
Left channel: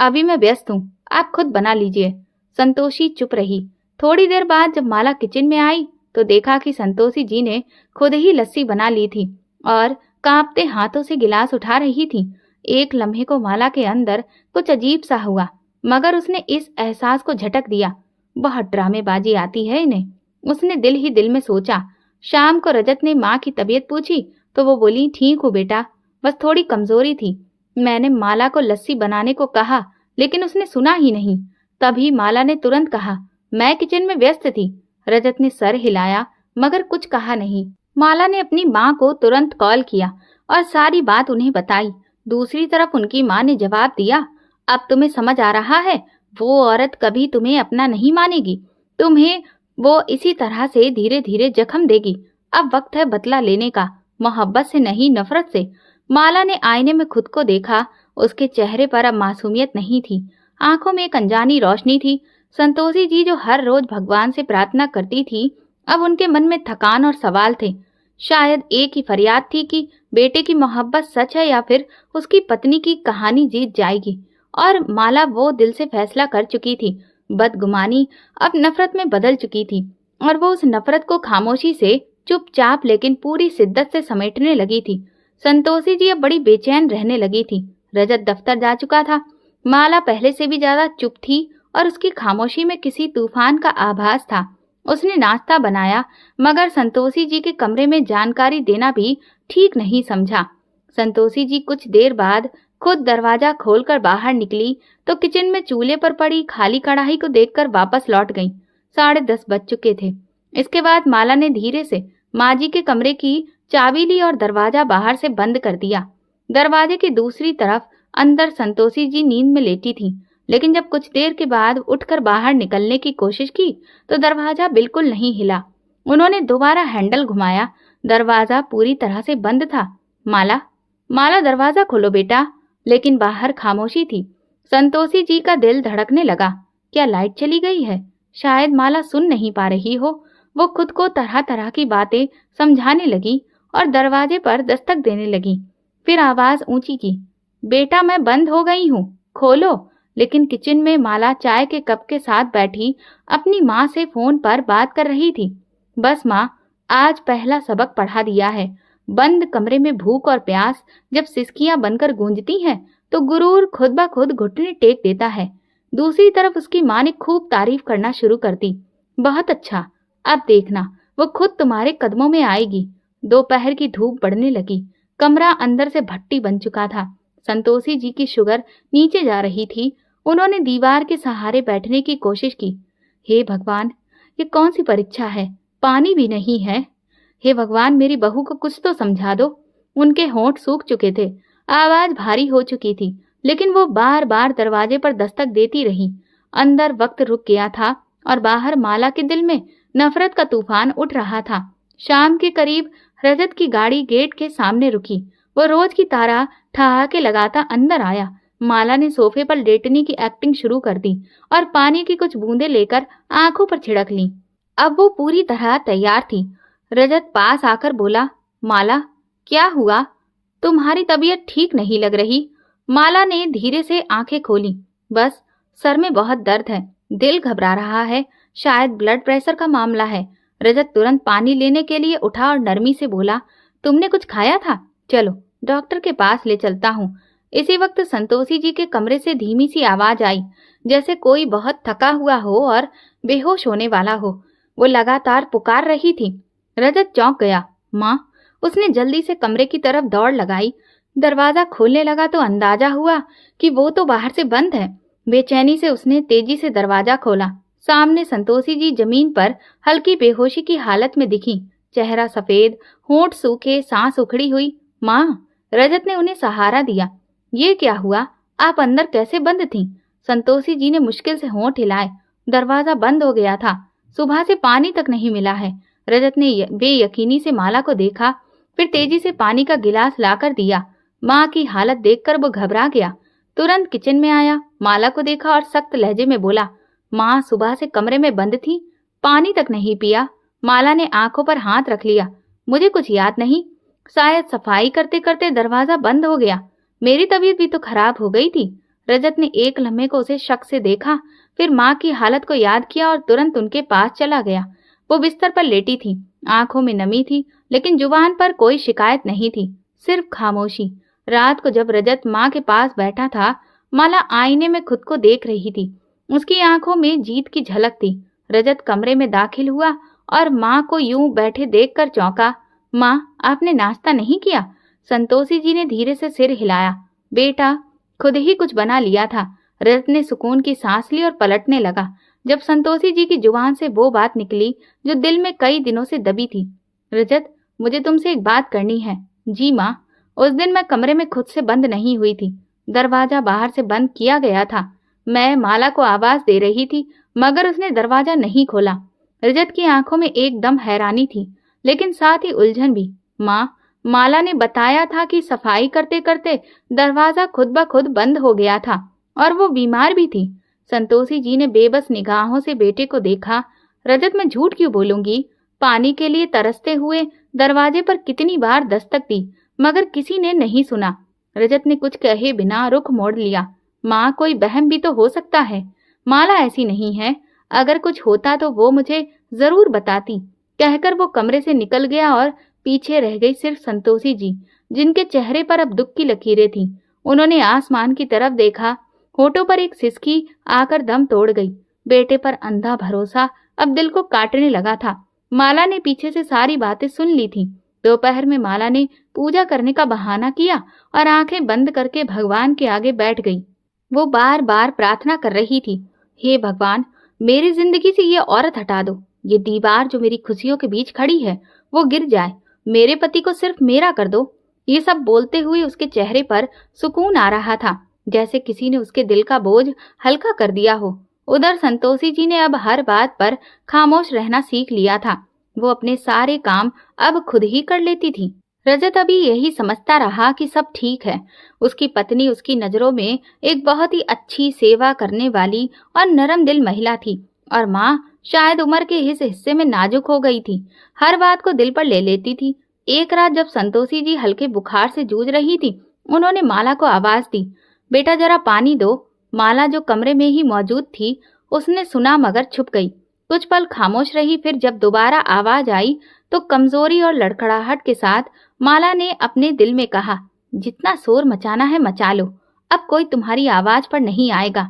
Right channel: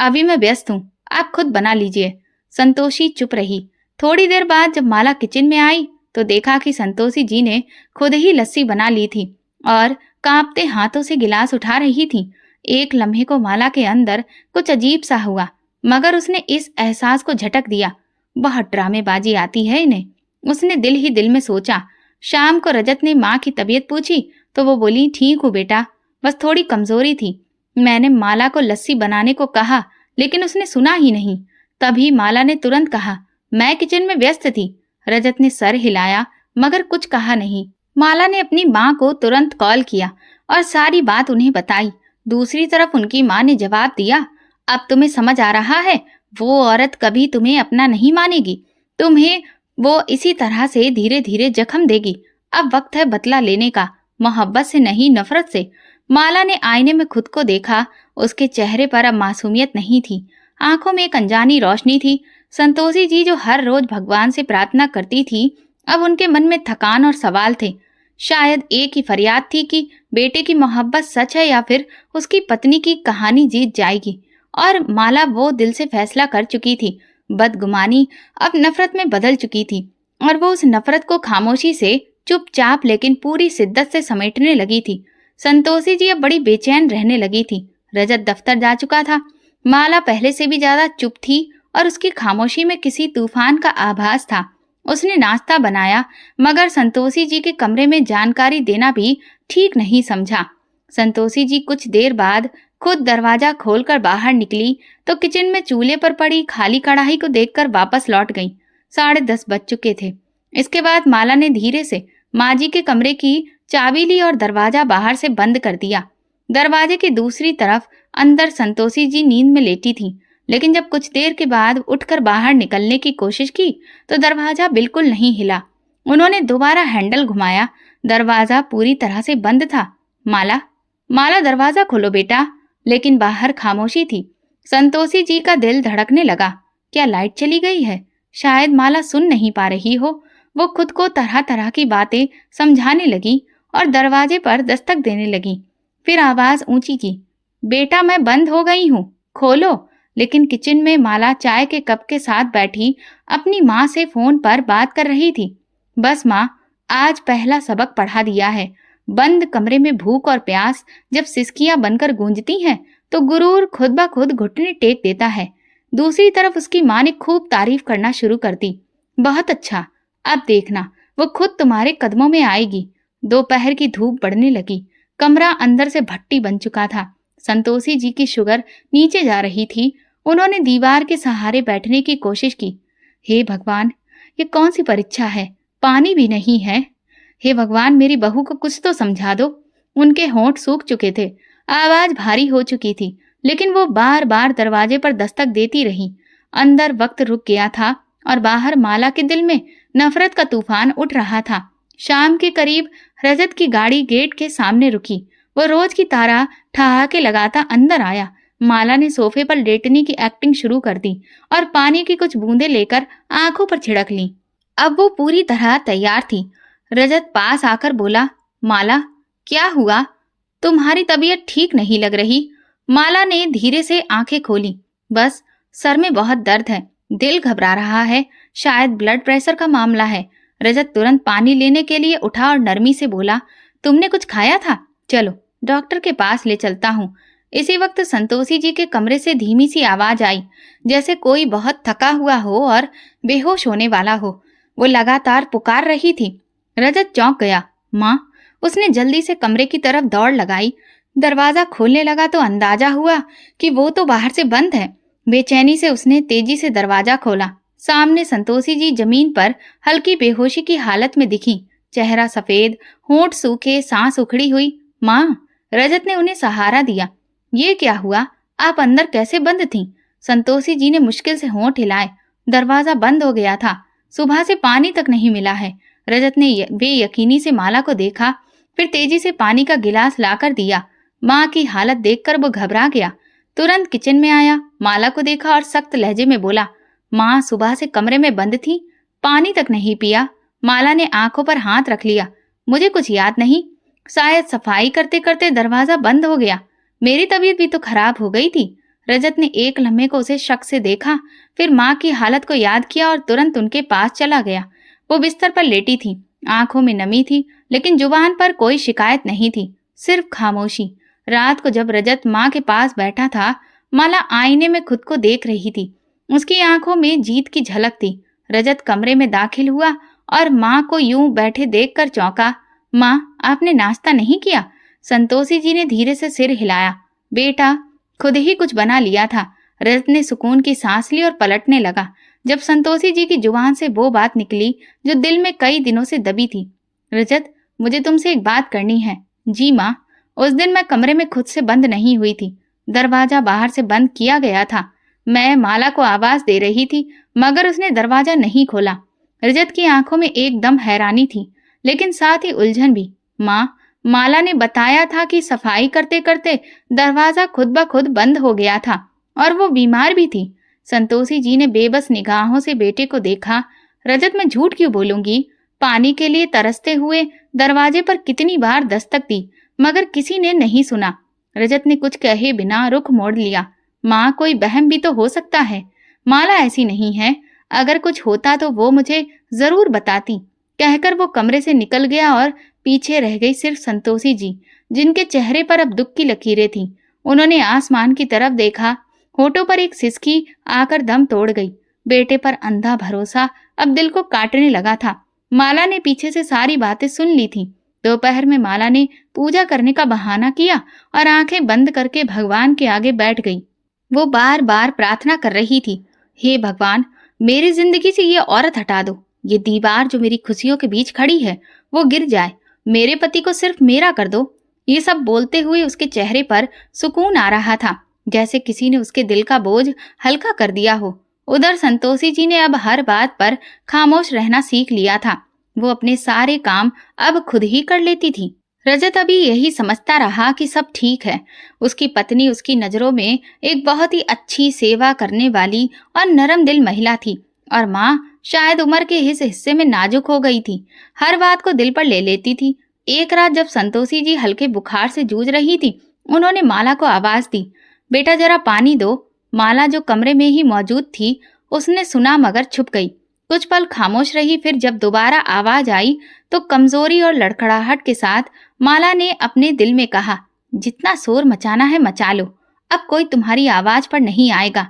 अभी मैं व्यस्त हूँ, आप खुद बना लीजिए। संतोषी चुप रही। थोड़ी देर बाद जब माला किचन में आई तो देखा कि संतोषी जी ने खुद ही लस्सी बना ली थी और कांपते हाथों से गिलास उठा रही थी। एक लम्हे को माला के अंदर कुछ अजीब सा हुआ, मगर उसने इस एहसास को झटक दिया, बहुत ड्रामेबाजी आती है इन्हें। उसने दिल ही दिल में सोचा। शाम को रजत ने माँ की तबीयत पूछी तो वो बोली, ठीक हूँ बेटा, बस थोड़ी कमजोरी थी। मैंने माला को लस्सी बनाने को कहा, लेकिन उसने सुना ही नहीं। तभी माला ने तुरंत कहा, मैं किचन में व्यस्त थी। रजत ने सर हिलाया मगर कुछ कहा नहीं। माला ने अपनी माँ को तुरंत कॉल किया और सारी बात उन्हें बताई। दूसरी तरफ उनकी माँ ने जवाब दिया, अब तुम्हें समझ आ रहा है, वो औरत कभी तुम्हें अपना नहीं मानेगी। तुम्हें वो इसी तरह से धीरे धीरे जख्म देगी। अब वक्त है बदला लेने का, मोहब्बत से नहीं नफरत से। माला ने आईने में खुद को देखा। उसके चेहरे पर अब मासूमियत नहीं थी, आंखों में एक अनजानी रोशनी थी। संतोषी जी जो हर रोज भगवान से प्रार्थना करती थी, अब उनके मन में थकान और सवाल थे। शायद एक ही फरियाद थी कि बेटे की मोहब्बत सच है या फिर उसकी पत्नी की कहानी जीत जाएगी। और माला वो दिल से फैसला कर चुकी थी। बदगुमानी अब नफरत में बदल चुकी थी और वो उस नफरत को खामोशी से, चुपचाप लेकिन पूरी शिद्दत से समेटने लगी थी। संतोषी जी अब बड़ी बेचैन रहने लगी थी। रजत दफ्तर जा चुका था। माला पहले से भी ज्यादा चुप थी और उसकी खामोशी में किसी तूफान का आभास था। उसने नाश्ता बनाया मगर संतोषी जी के कमरे में जानकारी देना भी ठीक नहीं समझा। संतोषी जी कुछ देर बाद खुद दरवाजा खोलकर बाहर निकली तो किचन में चूल्हे पर पड़ी खाली कढ़ाई को देखकर वापस लौट गई। 10:30 बज चुके थे। इसके बाद माला ने धीरे से माँ जी के कमरे की चाबी ली और दरवाजा बाहर से बंद कर दिया। दरवाजे की दूसरी तरफ अंदर संतोषी जी नींद में लेटी थी, लेकिन जब कुछ देर के बाद उठकर बाहर निकलने की कोशिश की तो दरवाजा बिल्कुल नहीं हिला। उन्होंने दोबारा हैंडल घुमाया, दरवाजा पूरी तरह से बंद था। माला, माला दरवाजा खोलो बेटा। लेकिन बाहर खामोशी थी। संतोषी जी का दिल धड़कने लगा। क्या लाइट चली गई है? शायद माला सुन नहीं पा रही हो। वो खुद को तरह तरह की बातें समझाने लगी और दरवाजे पर दस्तक देने लगी। फिर आवाज ऊंची की, बेटा मैं बंद हो गई हूँ, खोलो। लेकिन किचन में माला चाय के कप के साथ बैठी अपनी माँ से फोन पर बात कर रही थी। बस माँ, आज पहला सबक पढ़ा दिया है। बंद कमरे में भूख और प्यास जब सिसकियां बनकर गूंजती हैं तो गुरूर खुद ब खुद घुटने टेक देता है। दूसरी तरफ उसकी माँ ने खूब तारीफ करना शुरू कर दी। बहुत अच्छा, अब देखना वो खुद तुम्हारे कदमों में आएगी। दोपहर की धूप बढ़ने लगी। कमरा अंदर से भट्टी बन चुका था। संतोषी जी की शुगर नीचे जा रही थी। उन्होंने दीवार के सहारे बैठने की कोशिश की। हे भगवान, ये कौन सी परीक्षा है? पानी भी नहीं है। हे भगवान, मेरी बहू को कुछ तो समझा दो। उनके होंठ सूख चुके थे, आवाज भारी हो चुकी थी, लेकिन वो बार बार दरवाजे पर दस्तक देती रही। अंदर वक्त रुक गया था और बाहर माला के दिल में नफरत का तूफान उठ रहा था। शाम के करीब रजत की गाड़ी गेट के सामने रुकी। वो रोज की तरह ठहाके लगाता अंदर आया। माला ने सोफे पर लेटने की एक्टिंग शुरू कर दी और पानी की कुछ बूंदें लेकर आंखों पर छिड़क ली। अब वो पूरी तरह तैयार थी। रजत पास आकर बोला, माला क्या हुआ? तुम्हारी तबीयत ठीक नहीं लग रही। माला ने धीरे से आंखें खोली। बस सर में बहुत दर्द है, दिल घबरा रहा है, शायद ब्लड प्रेशर का मामला है। रजत तुरंत पानी लेने के लिए उठा और नरमी से बोला, तुमने कुछ खाया था? चलो डॉक्टर के पास ले चलता हूँ। इसी वक्त संतोषी जी के कमरे से धीमी सी आवाज आई, जैसे कोई बहुत थका हुआ हो और बेहोश होने वाला हो। वो लगातार पुकार रही थी। रजत चौंक गया। माँ! उसने जल्दी से कमरे की तरफ दौड़ लगाई। दरवाजा खोलने लगा तो अंदाजा हुआ कि वो तो बाहर से बंद है। बेचैनी से उसने तेजी से दरवाजा खोला। सामने संतोषी जी जमीन पर हल्की बेहोशी की हालत में दिखी। चेहरा सफेद, होंठ सूखे, सांस उखड़ी हुई। माँ! रजत ने उन्हें सहारा दिया। ये क्या हुआ? आप अंदर कैसे बंद थीं? संतोषी जी ने मुश्किल से होंठ हिलाए। दरवाजा बंद हो गया था। सुबह से पानी तक नहीं मिला है। रजत ने बेयकीनी से माला को देखा, फिर तेजी से पानी का गिलास लाकर दिया। माँ की हालत देखकर वो घबरा गया। तुरंत किचन में आया, माला को देखा और सख्त लहजे में बोला, माँ सुबह से कमरे में बंद थी, पानी तक नहीं पिया। माला ने आंखों पर हाथ रख लिया। मुझे कुछ याद नहीं, शायद सफाई करते करते दरवाजा बंद हो गया। मेरी तबीयत भी तो खराब हो गई थी। रजत ने एक लम्हे को उसे शक से देखा, फिर माँ की हालत को याद किया और तुरंत उनके पास चला गया। वो बिस्तर पर लेटी थी, आंखों में नमी थी, लेकिन जुबान पर कोई शिकायत नहीं थी, सिर्फ खामोशी। रात को जब रजत माँ के पास बैठा था, माला आईने में खुद को देख रही थी। उसकी आंखों में जीत की झलक थी। रजत कमरे में दाखिल हुआ और माँ को यूं बैठे देखकर चौंका। माँ, आपने नाश्ता नहीं किया? संतोषी जी ने धीरे से सिर हिलाया। बेटा, खुद ही कुछ बना लिया था। रजत ने सुकून की सांस ली और पलटने लगा जब संतोषी जी की जुबान से वो बात निकली जो दिल में कई दिनों से दबी थी। रजत, मुझे तुमसे एक बात करनी है। जी माँ। उस दिन मैं कमरे में खुद से बंद नहीं हुई थी। दरवाजा बाहर से बंद किया गया था। मैं माला को आवाज दे रही थी, मगर उसने दरवाजा नहीं खोला। रजत की आंखों में एकदम हैरानी थी, लेकिन साथ ही उलझन भी। माँ, माला ने बताया था कि सफाई करते करते दरवाजा खुद ब खुद बंद हो गया था और वो बीमार भी थी। संतोषी जी ने बेबस निगाहों से बेटे को देखा। रजत, मैं झूठ क्यों बोलूंगी? पानी के लिए तरसते हुए दरवाजे पर कितनी बार दस्तक दी, मगर किसी ने नहीं सुना। रजत ने कुछ कहे बिना रुख मोड़ लिया। माँ, कोई बहम भी तो हो सकता है। माला ऐसी नहीं है। अगर कुछ होता तो वो मुझे जरूर बताती। कहकर वो कमरे से निकल गया और पीछे रह गई सिर्फ संतोषी जी, जिनके चेहरे पर अब दुख की लकीरें थीं। उन्होंने आसमान की तरफ देखा। होठों पर एक सिसकी आकर दम तोड़ गई। बेटे पर अंधा भरोसा अब दिल को काटने लगा था। माला ने पीछे से सारी बातें सुन ली थी। दोपहर में माला ने पूजा करने का बहाना किया और आंखें बंद करके भगवान के आगे बैठ गई। वो बार बार प्रार्थना कर रही थी, हे भगवान, मेरी जिंदगी से ये औरत हटा दो। ये दीवार जो मेरी खुशियों के बीच खड़ी है, वो गिर जाए। मेरे पति को सिर्फ मेरा कर दो। ये सब बोलते हुए उसके चेहरे पर सुकून आ रहा था, जैसे किसी ने उसके दिल का बोझ हल्का कर दिया हो। उधर संतोषी जी ने अब हर बात पर खामोश रहना सीख लिया था। वो अपने सारे काम अब खुद ही कर लेती थी। रजत अभी यही समझता रहा कि सब ठीक है। उसकी पत्नी उसकी नजरों में एक बहुत ही अच्छी, सेवा करने वाली और नरम दिल महिला थी, और माँ शायद उम्र के इस हिस्से में नाजुक हो गई थी। हर बात को दिल पर ले लेती थी। एक रात जब संतोषी जी हल्के बुखार से जूझ रही थी, उन्होंने माला को आवाज दी, बेटा जरा पानी दो। माला जो कमरे में ही मौजूद थी, उसने सुना मगर छुप गई। कुछ पल खामोश रही, फिर जब दोबारा आवाज आई तो कमजोरी और लड़खड़ाहट के साथ माला ने अपने दिल में कहा, जितना शोर मचाना है मचा लो, अब कोई तुम्हारी आवाज पर नहीं आएगा।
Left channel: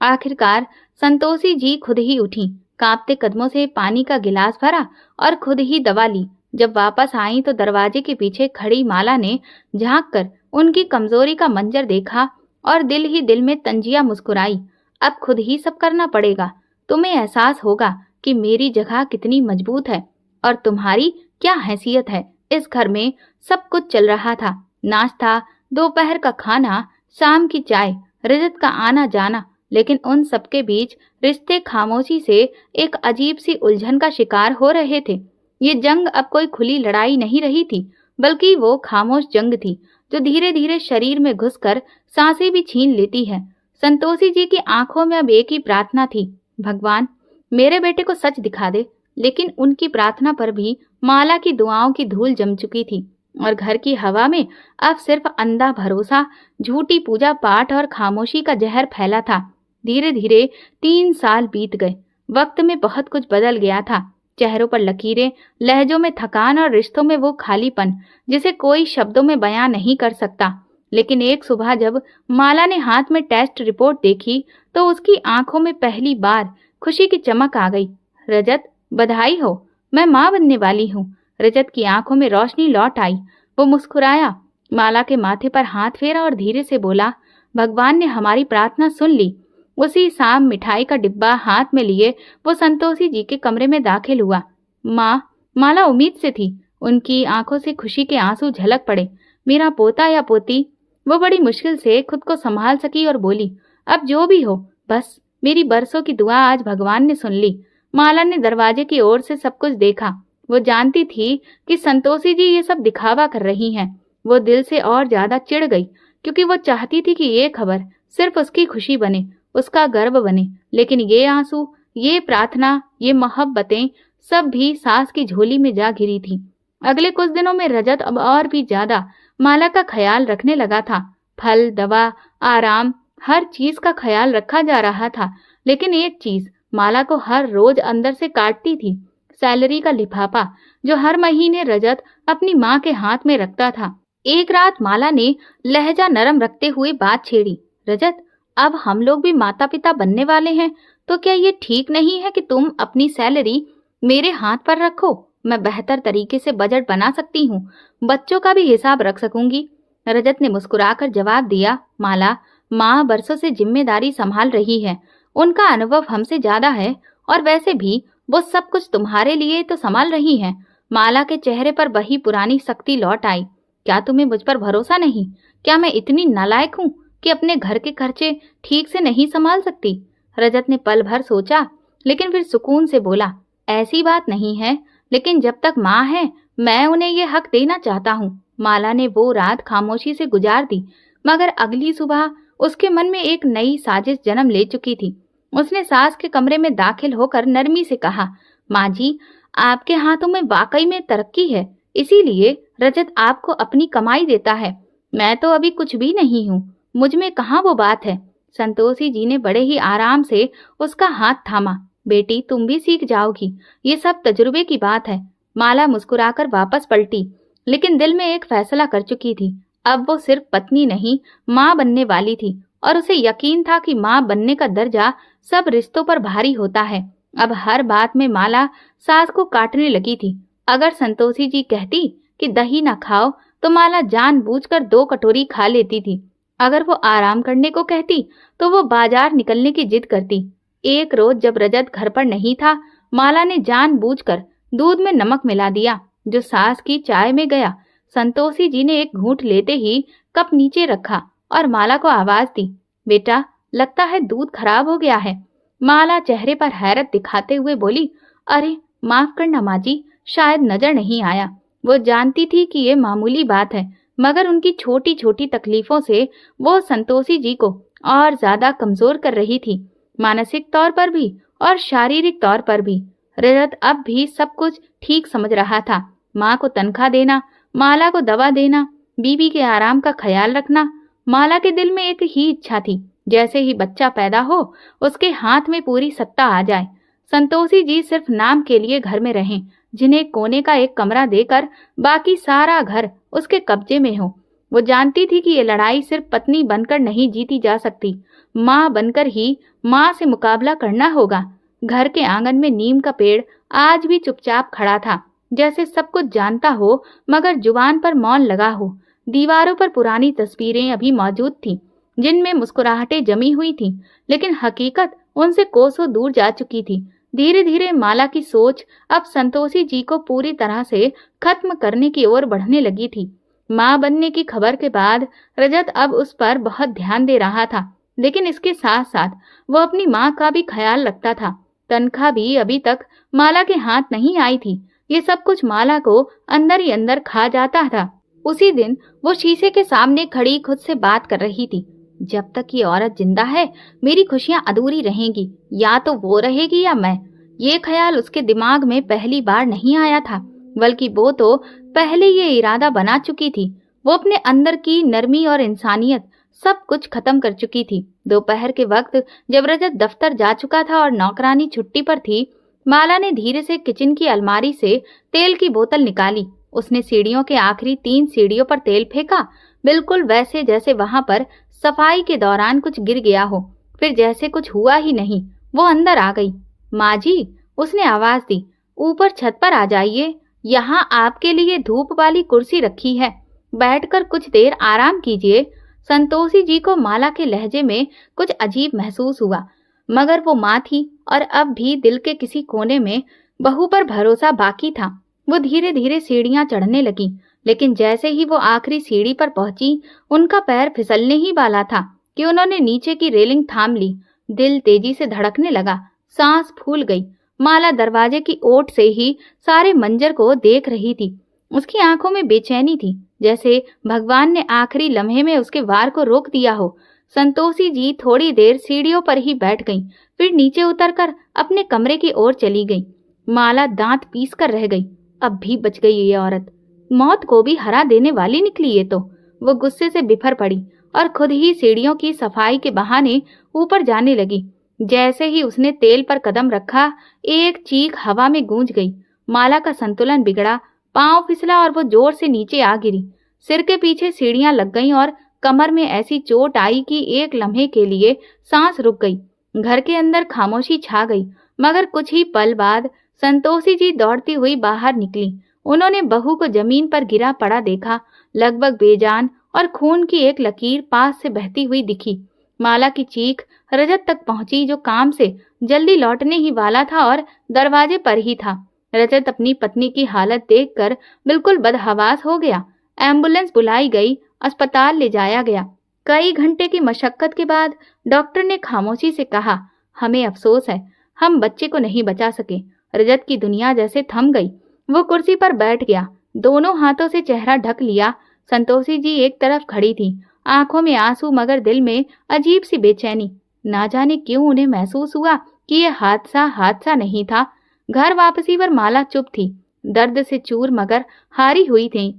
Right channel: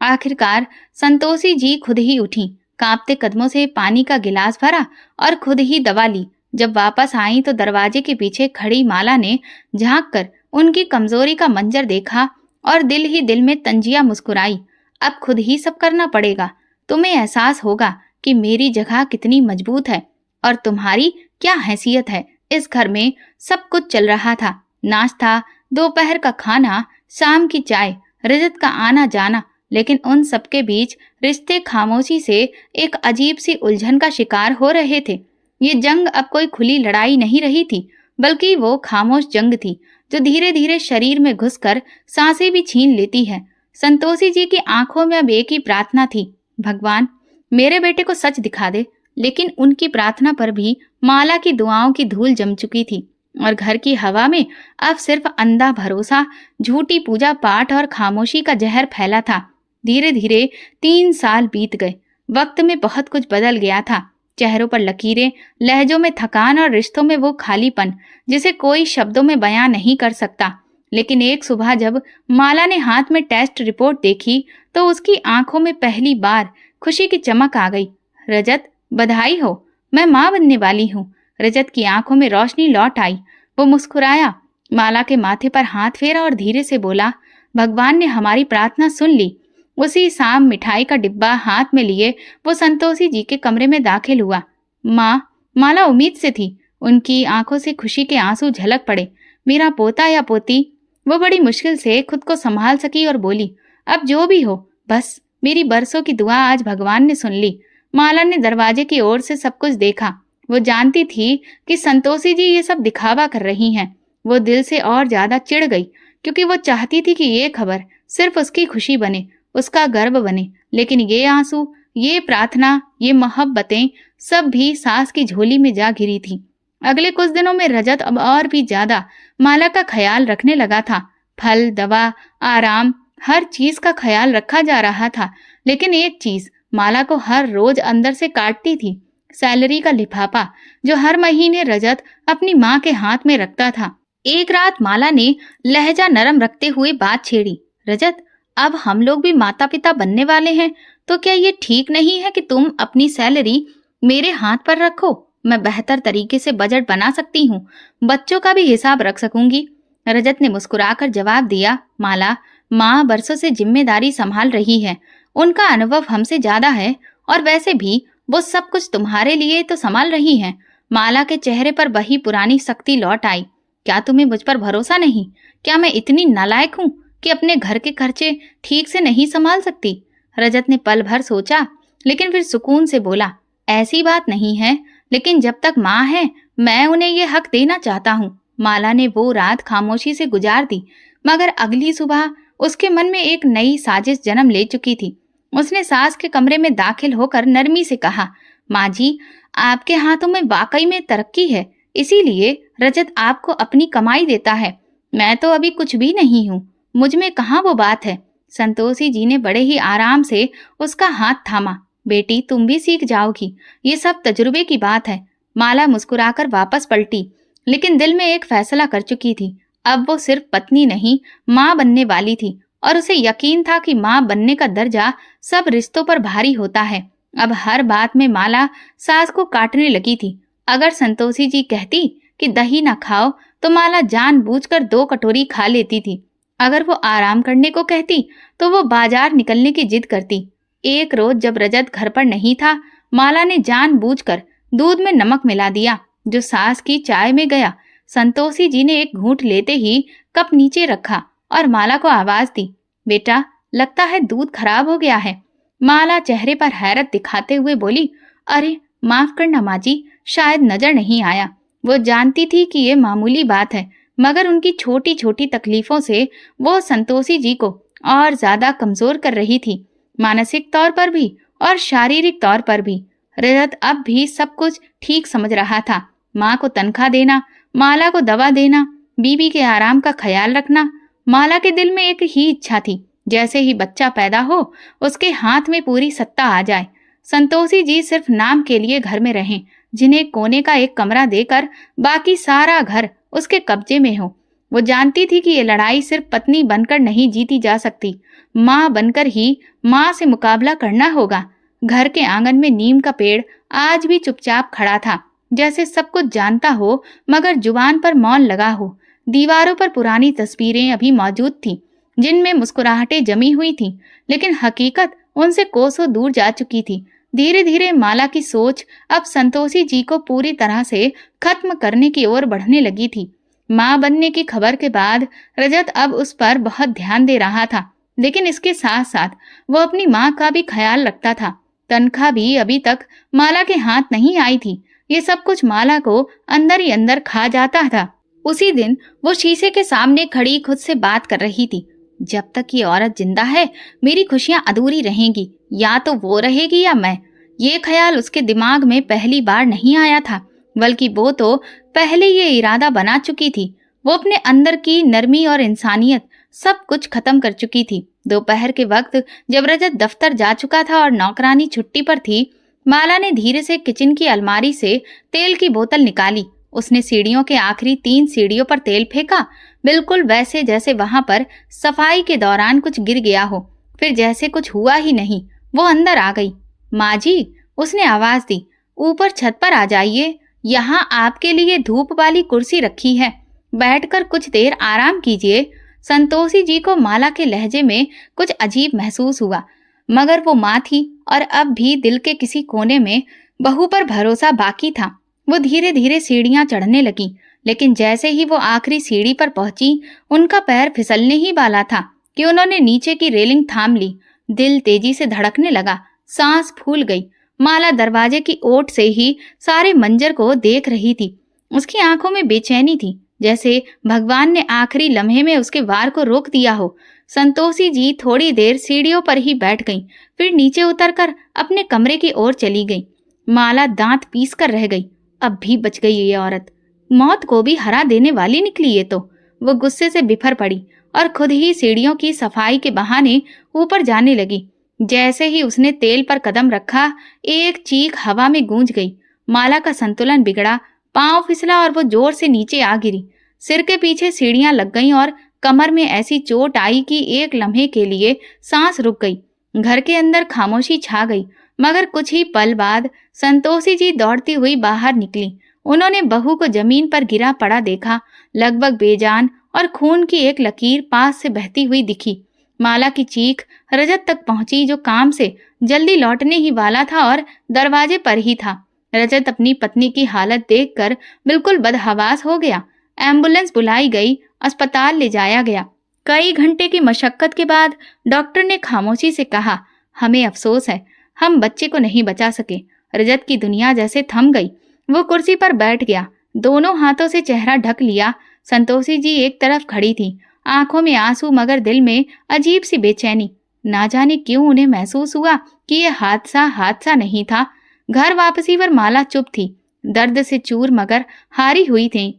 आखिरकार संतोषी जी खुद ही उठी, कांपते कदमों से पानी का गिलास भरा और खुद ही दवा ली। जब वापस आई तो दरवाजे के पीछे खड़ी माला ने झांक कर उनकी कमजोरी का मंजर देखा और दिल ही दिल में तंजिया मुस्कुराई। अब खुद ही सब करना पड़ेगा। तुम्हें एहसास होगा कि मेरी जगह कितनी मजबूत है और तुम्हारी क्या हैसियत है। इस घर में सब कुछ चल रहा था, नाश्ता, दोपहर का खाना, शाम की चाय, रजत का आना जाना, लेकिन उन सबके बीच रिश्ते खामोशी से एक अजीब सी उलझन का शिकार हो रहे थे। ये जंग अब कोई खुली लड़ाई नहीं रही थी, बल्कि वो खामोश जंग थी जो धीरे धीरे शरीर में घुसकर सांसें भी छीन लेती है। संतोषी जी की आंखों में अब एक ही प्रार्थना थी, भगवान मेरे बेटे को सच दिखा दे। लेकिन उनकी प्रार्थना पर भी माला की दुआओं की धूल जम चुकी थी और घर की हवा में अब सिर्फ अंधा भरोसा, झूठी पूजा पाठ और खामोशी का जहर फैला था। धीरे धीरे 3 साल बीत गए। वक्त में बहुत कुछ बदल गया था। चेहरों पर लकीरें, लहजों में थकान और रिश्तों में वो खालीपन जिसे कोई शब्दों में बयां नहीं कर सकता। लेकिन एक सुबह जब माला ने हाथ में टेस्ट रिपोर्ट देखी तो उसकी आंखों में पहली बार खुशी की चमक आ गई। रजत, बधाई हो, मैं माँ बनने वाली हूँ। रजत की आंखों में रोशनी लौट आई। वो मुस्कुराया, माला के माथे पर हाथ फेरा और धीरे से बोला, भगवान ने हमारी प्रार्थना सुन ली। उसी शाम मिठाई का डिब्बा हाथ में लिए वो संतोषी जी के कमरे में दाखिल हुआ। माँ, माला उम्मीद से थी। उनकी आंखों से खुशी के आंसू झलक पड़े। मेरा पोता या पोती। वो बड़ी मुश्किल से खुद को संभाल सकी और बोली, अब जो भी हो, बस मेरी बरसों की दुआ आज भगवान ने सुन ली। माला ने दरवाजे की ओर से सब कुछ देखा। वो जानती थी कि संतोषी जी ये सब दिखावा कर रही हैं। वो दिल से और ज्यादा चिढ़ गई, क्योंकि वो चाहती थी कि ये खबर सिर्फ उसकी खुशी बने, उसका गर्व बने। लेकिन ये आंसू, ये प्रार्थना, ये मोहब्बतें सब भी सास की झोली में जा गिरी थी। अगले कुछ दिनों में रजत अब और भी ज्यादा माला का ख्याल रखने लगा था। फल, दवा, आराम, हर चीज का ख्याल रखा जा रहा था। लेकिन एक चीज माला को हर रोज अंदर से काटती थी, सैलरी का लिफाफा जो हर महीने रजत अपनी माँ के हाथ में रखता था। एक रात माला ने लहजा नरम रखते हुए बात छेड़ी। रजत, अब हम लोग भी माता पिता बनने वाले हैं, तो क्या ये ठीक नहीं है कि तुम अपनी सैलरी मेरे हाथ पर रखो? मैं बेहतर तरीके से बजट बना सकती हूँ, बच्चों का भी हिसाब रख सकूंगी। रजत ने मुस्कुराकर जवाब दिया, माला, माँ बरसों से जिम्मेदारी संभाल रही है, उनका अनुभव हमसे ज्यादा है, और वैसे भी वो सब कुछ तुम्हारे लिए तो संभाल रही हैं। माला के चेहरे पर वही पुरानी सख्ती लौट आई। क्या तुम्हें मुझ पर भरोसा नहीं? क्या मैं इतनी नालायक हूँ कि अपने घर के खर्चे ठीक से नहीं संभाल सकती? रजत ने पल भर सोचा, लेकिन फिर सुकून से बोला, ऐसी बात नहीं है, लेकिन जब तक माँ है मैं उन्हें ये हक देना चाहता हूँ। माला ने वो रात खामोशी से गुजार दी, मगर अगली सुबह उसके मन में एक नई साजिश जन्म ले चुकी थी। उसने सास के कमरे में दाखिल होकर नरमी से कहा, माँ जी, आपके हाथों में वाकई में तरक्की है, इसीलिए रजत आपको अपनी कमाई देता है। मैं तो अभी कुछ भी नहीं हूँ, मुझ में कहाँ वो बात है। संतोषी जी ने बड़े ही आराम से उसका हाथ थामा। बेटी, तुम भी सीख जाओगी, ये सब तजुर्बे की बात है। माला मुस्कुराकर वापस पलटी, लेकिन दिल में एक फैसला कर चुकी थी। अब वो सिर्फ पत्नी नहीं, माँ बनने वाली थी, और उसे यकीन था कि माँ बनने का दर्जा सब रिश्तों पर भारी होता है। अब हर बात में माला सास को काटने लगी थी। अगर संतोषी जी कहती कि दही ना खाओ, तो माला जानबूझकर 2 कटोरी खा लेती थी। अगर वो आराम करने को कहती, तो वो बाजार निकलने की जिद करती। एक रोज जब रजत घर पर नहीं था, माला ने जानबूझकर दूध में नमक मिला दिया, जो सास की चाय में गया। संतोषी जी ने एक घूंट लेते ही कप नीचे रखा और माला को आवाज दी, बेटा, लगता है दूध खराब हो गया है। माला चेहरे पर हैरत दिखाते हुए बोली, अरे माफ करना माँ जी, शायद नजर नहीं आया। वो जानती थी कि ये मामूली बात है, मगर उनकी छोटी छोटी तकलीफों से वो संतोषी जी को और ज्यादा कमजोर कर रही थी, मानसिक तौर पर भी और शारीरिक तौर पर भी। रजत अब भी सब कुछ ठीक समझ रहा था। माँ को तनख्वाह देना, माला को दवा देना, बीबी के आराम का ख्याल रखना। माला के दिल में एक ही इच्छा थी, जैसे ही बच्चा पैदा हो उसके हाथ में पूरी सत्ता आ जाए। संतोषी जी सिर्फ नाम के लिए घर में रहें, जिन्हें कोने का एक कमरा देकर बाकी सारा घर उसके कब्जे में हो। वो जानती थी कि ये लड़ाई सिर्फ पत्नी बनकर नहीं जीती जा सकती, माँ बनकर ही माँ से मुकाबला करना होगा। घर के आंगन में नीम का पेड़ आज भी चुपचाप खड़ा था, जैसे सब कुछ जानता हो मगर जुबान पर मौन लगा हो। दीवारों पर पुरानी तस्वीरें अभी मौजूद थीं, जिनमें मुस्कुराहटें जमी हुई थीं, लेकिन हकीकत उनसे कोसों दूर जा चुकी थी। धीरे धीरे माला की सोच अब संतोषी जी को पूरी तरह से खत्म करने की ओर बढ़ने लगी थी। माँ बनने की खबर के बाद रजत अब उस पर बहुत ध्यान दे रहा था, लेकिन इसके साथ साथ वो अपनी माँ का भी ख्याल रखता था। तनख्वाह भी अभी तक माला के हाथ नहीं आई थी। ये सब कुछ माला को अंदर ही अंदर खा जाता था। उसी दिन वो शीशे के सामने खड़ी खुद से बात कर रही थी, जब तक ये औरत जिंदा है मेरी खुशियां अधूरी रहेंगी, या तो वो रहेगी या मैं। ये ख्याल उसके दिमाग में पहली बार नहीं आया था, बल्कि वो तो पहले ये इरादा बना चुकी थी। वो अपने अंदर की नरमी और इंसानियत सब कुछ खत्म कर चुकी थी। दोपहर के वक्त जब रजत दफ्तर जा चुका था और नौकरानी छुट्टी पर थी, माला ने धीरे से किचन की अलमारी से तेल की बोतल निकाली। उसने सीढ़ियों के आखिरी 3 सीढ़ियों पर तेल फेंका, बिल्कुल वैसे जैसे वहां पर सफाई के दौरान कुछ गिर गया हो। फिर जैसे कुछ हुआ ही नहीं, वो अंदर आ गई। माँ जी, उसने आवाज दी, ऊपर छत पर आ जाइए, यहाँ आपके लिए धूप वाली कुर्सी रखी है, बैठकर कुछ देर आराम कीजिए। संतोषी जी को माला के लहजे में कुछ अजीब महसूस हुआ, मगर वो माँ थी और अब भी दिल के किसी कोने में बहू पर भरोसा बाकी था। वो धीरे धीरे सीढ़ियां चढ़ने लगी, लेकिन जैसे ही वो आखिरी सीढ़ी पर पहुंची, उनका पैर फिसलने ही वाला था कि उन्होंने नीचे की रेलिंग थाम ली। दिल तेजी से धड़कने लगा, सांस फूल गई। माला दरवाजे की ओट से ही सारे मंजर को देख रही थी। उसकी आंखों में बेचैनी थी, जैसे भगवान ने आखिरी लम्हे में उसके वार को रोक दिया हो। संतोषी जी थोड़ी देर सीढ़ियों पर ही बैठ गईं, फिर नीचे उतरकर अपने कमरे की ओर चली गईं। माला दांत पीस कर रह गई। अब भी बच गई ये औरत, मौत को भी हरा देने वाली निकली ये तो। वो गुस्से से बिफर पड़ी और खुद ही सीढ़ियों की सफाई के बहाने ऊपर जाने लगी। जैसे ही उसने तेल पर कदम रखा, एक चीख हवा में गूंज गई। माला का संतुलन बिगड़ा, पांव फिसला और वो जोर से नीचे आ गिरी। सिर के पीछे सीढ़ियां लग गईं और कमर में ऐसी चोट आई कि एक लम्हे के लिए सांस रुक गई। घर के अंदर खामोशी छा गई, मगर कुछ ही पल बाद संतोषी जी दौड़ती हुई बाहर निकली। उन्होंने बहू को जमीन पर गिरा पड़ा देखा, लगभग बेजान, और खून की एक लकीर पास से बहती हुई दिखी। माला की चीख रजत तक पहुंची, जो काम से जल्दी लौटने ही वाला था और दरवाजे पर ही था। रजत अपनी पत्नी की हालत देखकर बिल्कुल बदहवास हो गया। एम्बुलेंस बुलाई गई, अस्पताल ले जाया गया। कई घंटे की मशक्कत के बाद डॉक्टर ने खामोशी से कहा, हमें अफसोस है, हम बच्चे को नहीं बचा सके। रजत की दुनिया जैसे थम गई। वो कुर्सी पर बैठ गया, दोनों हाथों से चेहरा ढक लिया। संतोषी जी एक तरफ खड़ी थी, आंखों में आंसू मगर दिल में अजीब सी बेचैनी। ना जाने क्यों उन्हें महसूस हुआ कि यह हादसा नहीं था। घर वापसी पर माला चुप थी, दर्द से चूर मगर हारी हुई थी।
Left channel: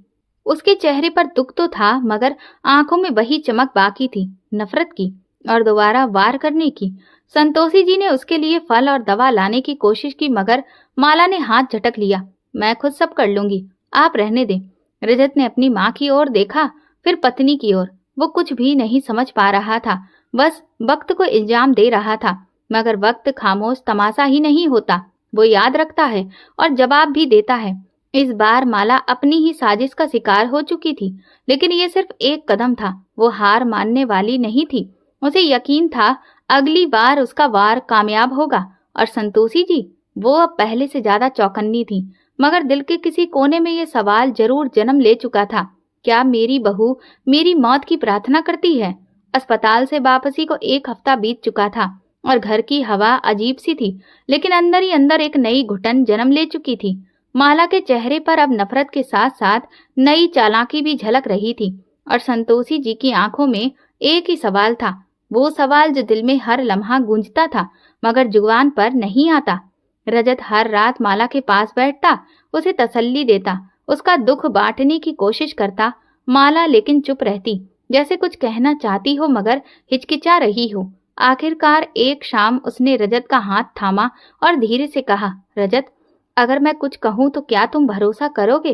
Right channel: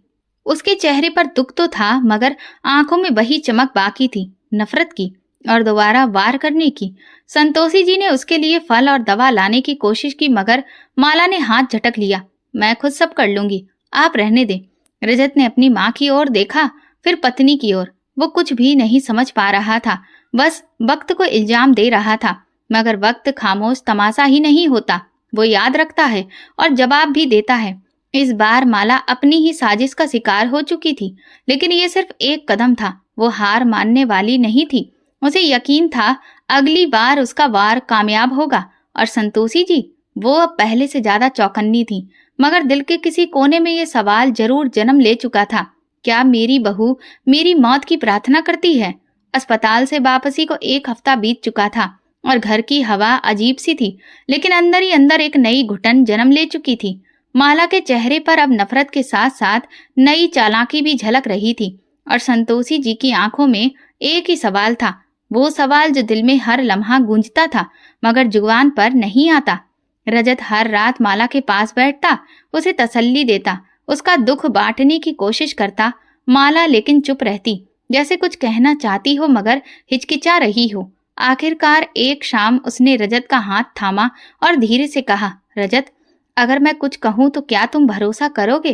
उसके चेहरे पर दुख तो था, मगर आंखों में वही चमक बाकी थी, नफरत की और दोबारा वार करने की। संतोषी जी ने उसके लिए फल और दवा लाने की कोशिश की, मगर माला ने हाथ झटक लिया। मैं खुद सब कर लूंगी, आप रहने दें। रजत ने अपनी माँ की ओर देखा, फिर पत्नी की ओर। वो कुछ भी नहीं समझ पा रहा था, बस वक्त को इल्जाम दे रहा था। मगर वक्त खामोश तमाशा ही नहीं होता, वो याद रखता है और जवाब भी देता है। इस बार माला अपनी ही साजिश का शिकार हो चुकी थी, लेकिन ये सिर्फ एक कदम था। वो हार मानने वाली नहीं थी। उसे यकीन था अगली बार उसका वार कामयाब होगा। और संतोषी जी, वो अब पहले से ज्यादा चौकन्नी थी, मगर दिल के किसी कोने में ये सवाल जरूर जन्म ले चुका था, क्या मेरी बहू मेरी मौत की प्रार्थना करती है? अस्पताल से वापसी को एक हफ्ता बीत चुका था और घर की हवा अजीब सी थी, लेकिन अंदर ही अंदर एक नई घुटन जन्म ले चुकी थी। माला के चेहरे पर अब नफरत के साथ साथ नई चालाकी भी झलक रही थी, और संतोषी जी की आंखों में एक ही सवाल था, वो सवाल जो दिल में हर लम्हा गूंजता था मगर जुबान पर नहीं आता। रजत हर रात माला के पास बैठता, उसे तसल्ली देता, उसका दुख बांटने की कोशिश करता। माला लेकिन चुप रहती, जैसे कुछ कहना चाहती हो मगर हिचकिचा रही हो। आखिरकार एक शाम उसने रजत का हाथ थामा और धीरे से कहा, रजत, अगर मैं कुछ कहूं तो क्या तुम भरोसा करोगे?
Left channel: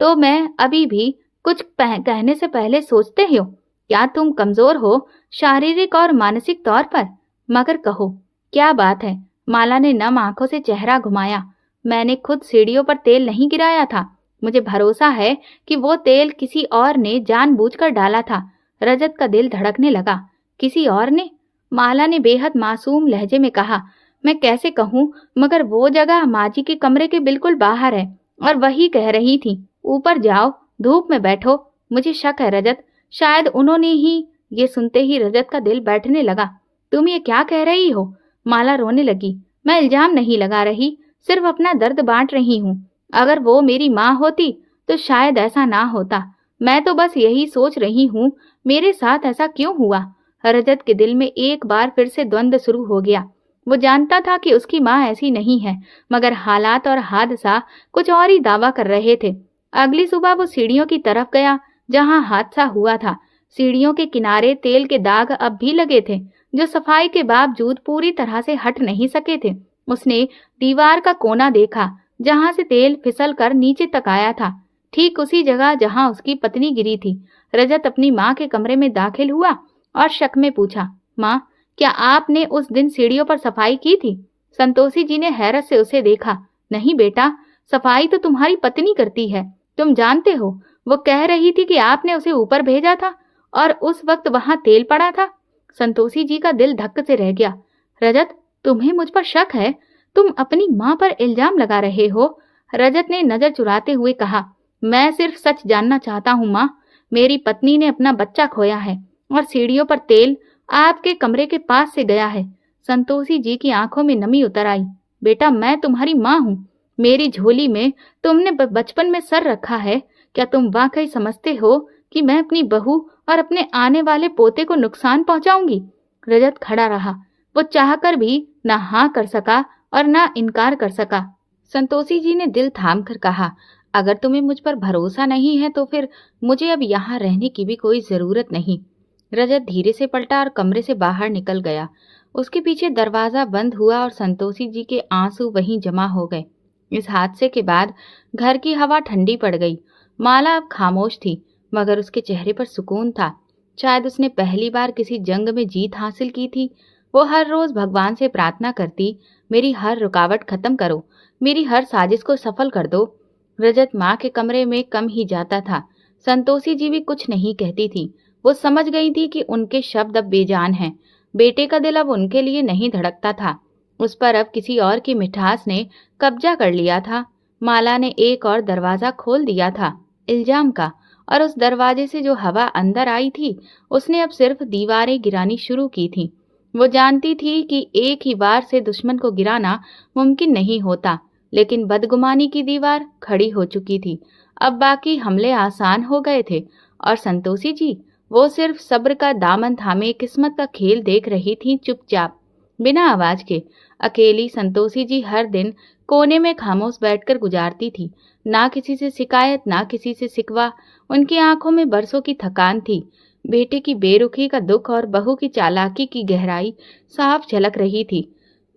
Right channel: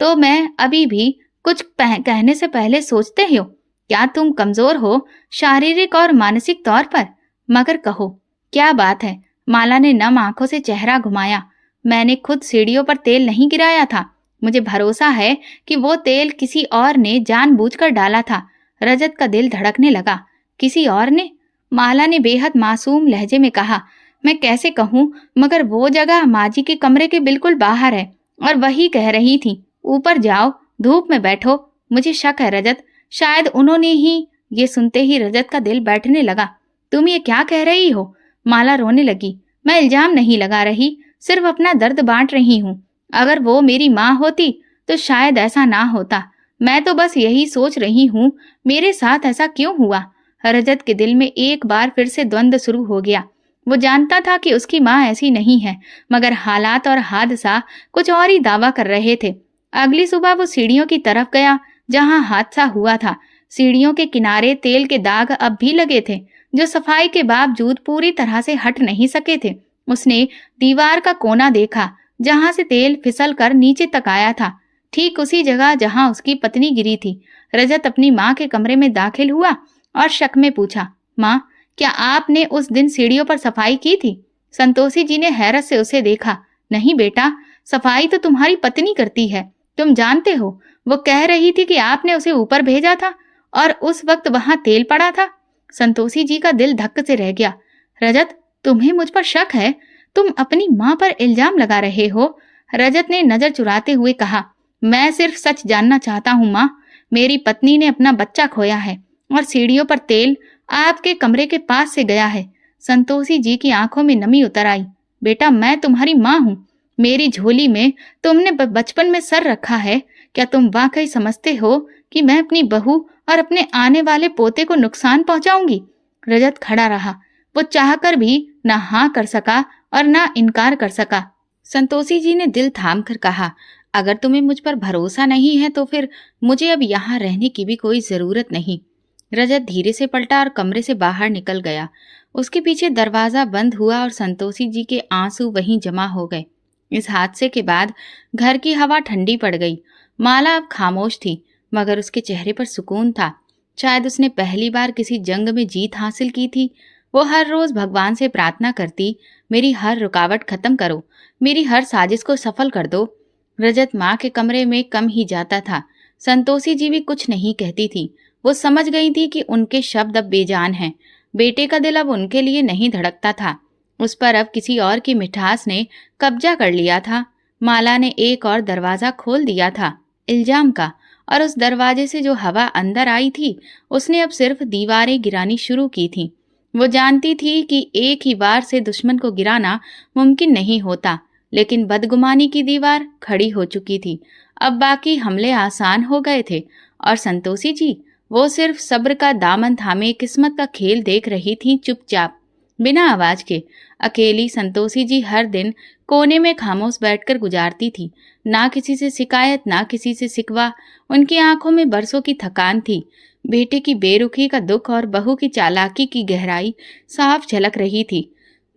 तो मैं अभी भी कुछ कहने से पहले सोचते हो, क्या तुम कमजोर हो शारीरिक और मानसिक तौर पर? मगर कहो, क्या बात है? माला ने नम आंखों से चेहरा घुमाया। मैंने खुद सीढ़ियों पर तेल नहीं गिराया था, मुझे भरोसा है कि वो तेल किसी और ने जानबूझकर डाला था। रजत का दिल धड़कने लगा। किसी और ने? माला ने बेहद मासूम लहजे में कहा, मैं कैसे कहूँ, मगर वो जगह माजी के कमरे के बिल्कुल बाहर है। और वही कह रही थी, ऊपर जाओ, धूप में बैठो। मुझे शक है रजत, शायद उन्होंने ही। ये सुनते ही रजत का दिल बैठने लगा। तुम ये क्या कह रही हो? माला रोने लगी। मैं इल्जाम नहीं लगा रही, सिर्फ अपना दर्द बांट रही हूँ। अगर वो मेरी माँ होती तो शायद ऐसा ना होता। मैं तो बस यही सोच रही हूँ, मेरे साथ ऐसा क्यों हुआ? रजत के दिल में एक बार फिर से द्वंद्व शुरू हो गया। वो जानता था कि उसकी माँ ऐसी नहीं है, मगर हालात और हादसा कुछ और ही दावा कर रहे थे। अगली सुबह वो सीढ़ियों की तरफ गया जहाँ हादसा हुआ था। सीढ़ियों के किनारे तेल के दाग अब भी लगे थे, जो सफाई के बावजूद पूरी तरह से हट नहीं सके थे। उसने दीवार का कोना देखा जहां से तेल फिसल कर नीचे तक आया था, ठीक उसी जगह जहां उसकी पत्नी गिरी थी। रजत अपनी माँ के कमरे में दाखिल हुआ और शक में पूछा, माँ, क्या आपने उस दिन सीढ़ियों पर सफाई की थी? संतोषी जी ने हैरत से उसे देखा। नहीं बेटा, सफाई तो तुम्हारी पत्नी करती है, तुम जानते हो। वो कह रही थी कि आपने उसे ऊपर भेजा था और उस वक्त वहां तेल पड़ा था। संतोषी जी का दिल धक्क से रह गया। रजत, तुम्हें मुझ पर शक है? तुम अपनी माँ पर इल्जाम लगा रहे हो? रजत ने नजर चुराते हुए कहा, मैं सिर्फ सच जानना चाहता हूँ माँ। मेरी पत्नी ने अपना बच्चा खोया है और सीढ़ियों पर तेल आपके कमरे के पास से गया है। संतोषी जी की आंखों में नमी उतर आई। बेटा, मैं तुम्हारी माँ हूँ। मेरी झोली में तुमने बचपन में सर रखा है। क्या तुम वाकई समझते हो कि मैं अपनी बहू और अपने आने वाले पोते को नुकसान पहुंचाऊंगी? रजत खड़ा रहा। वो चाहकर भी ना हाँ कर सका और ना इनकार कर सका। संतोषी जी ने दिल थाम कर कहा, अगर तुम्हें मुझ पर भरोसा नहीं है तो फिर मुझे अब यहाँ रहने की भी कोई जरूरत नहीं। रजत धीरे से पलटा और कमरे से बाहर निकल गया। उसके पीछे दरवाजा बंद हुआ और संतोषी जी के आंसू वहीं जमा हो गए। इस हादसे के बाद घर की हवा ठंडी पड़ गई। माला अब खामोश थी, मगर उसके चेहरे पर सुकून था। शायद उसने पहली बार किसी जंग में जीत हासिल की थी। वो हर रोज भगवान से प्रार्थना करती, मेरी हर रुकावट खत्म करो, मेरी हर साजिश को सफल कर दो। रजत माँ के कमरे में कम ही जाता था। संतोषी जी भी कुछ नहीं कहती थी। वो समझ गई थी कि उनके शब्द अब बेजान हैं। बेटे का दिल अब उनके लिए नहीं धड़कता था। उस पर अब किसी और की मिठास ने कब्जा कर लिया था। माला ने एक और दरवाजा खोल दिया था, इल्जाम का, और उस दरवाजे से जो हवा अंदर आई थी उसने अब सिर्फ दीवारें गिरानी शुरू की थी। वो जानती थी कि एक ही बार से दुश्मन को गिराना मुमकिन नहीं होता, लेकिन बदगुमानी की दीवार खड़ी हो चुकी थी। अब बाकी हमले आसान हो गए थे और संतोषी जी, वो सिर्फ सब्र का दामन थामे किस्मत का खेल देख रही थी, चुपचाप, बिना आवाज के। अकेली संतोषी जी हर दिन कोने में खामोश बैठकर गुजारती थी। ना किसी से शिकायत, ना किसी से सिकवा। उनकी आंखों में बरसों की थकान थी। बेटे की बेरुखी का दुख और बहू की चालाकी की गहराई साफ झलक रही थी।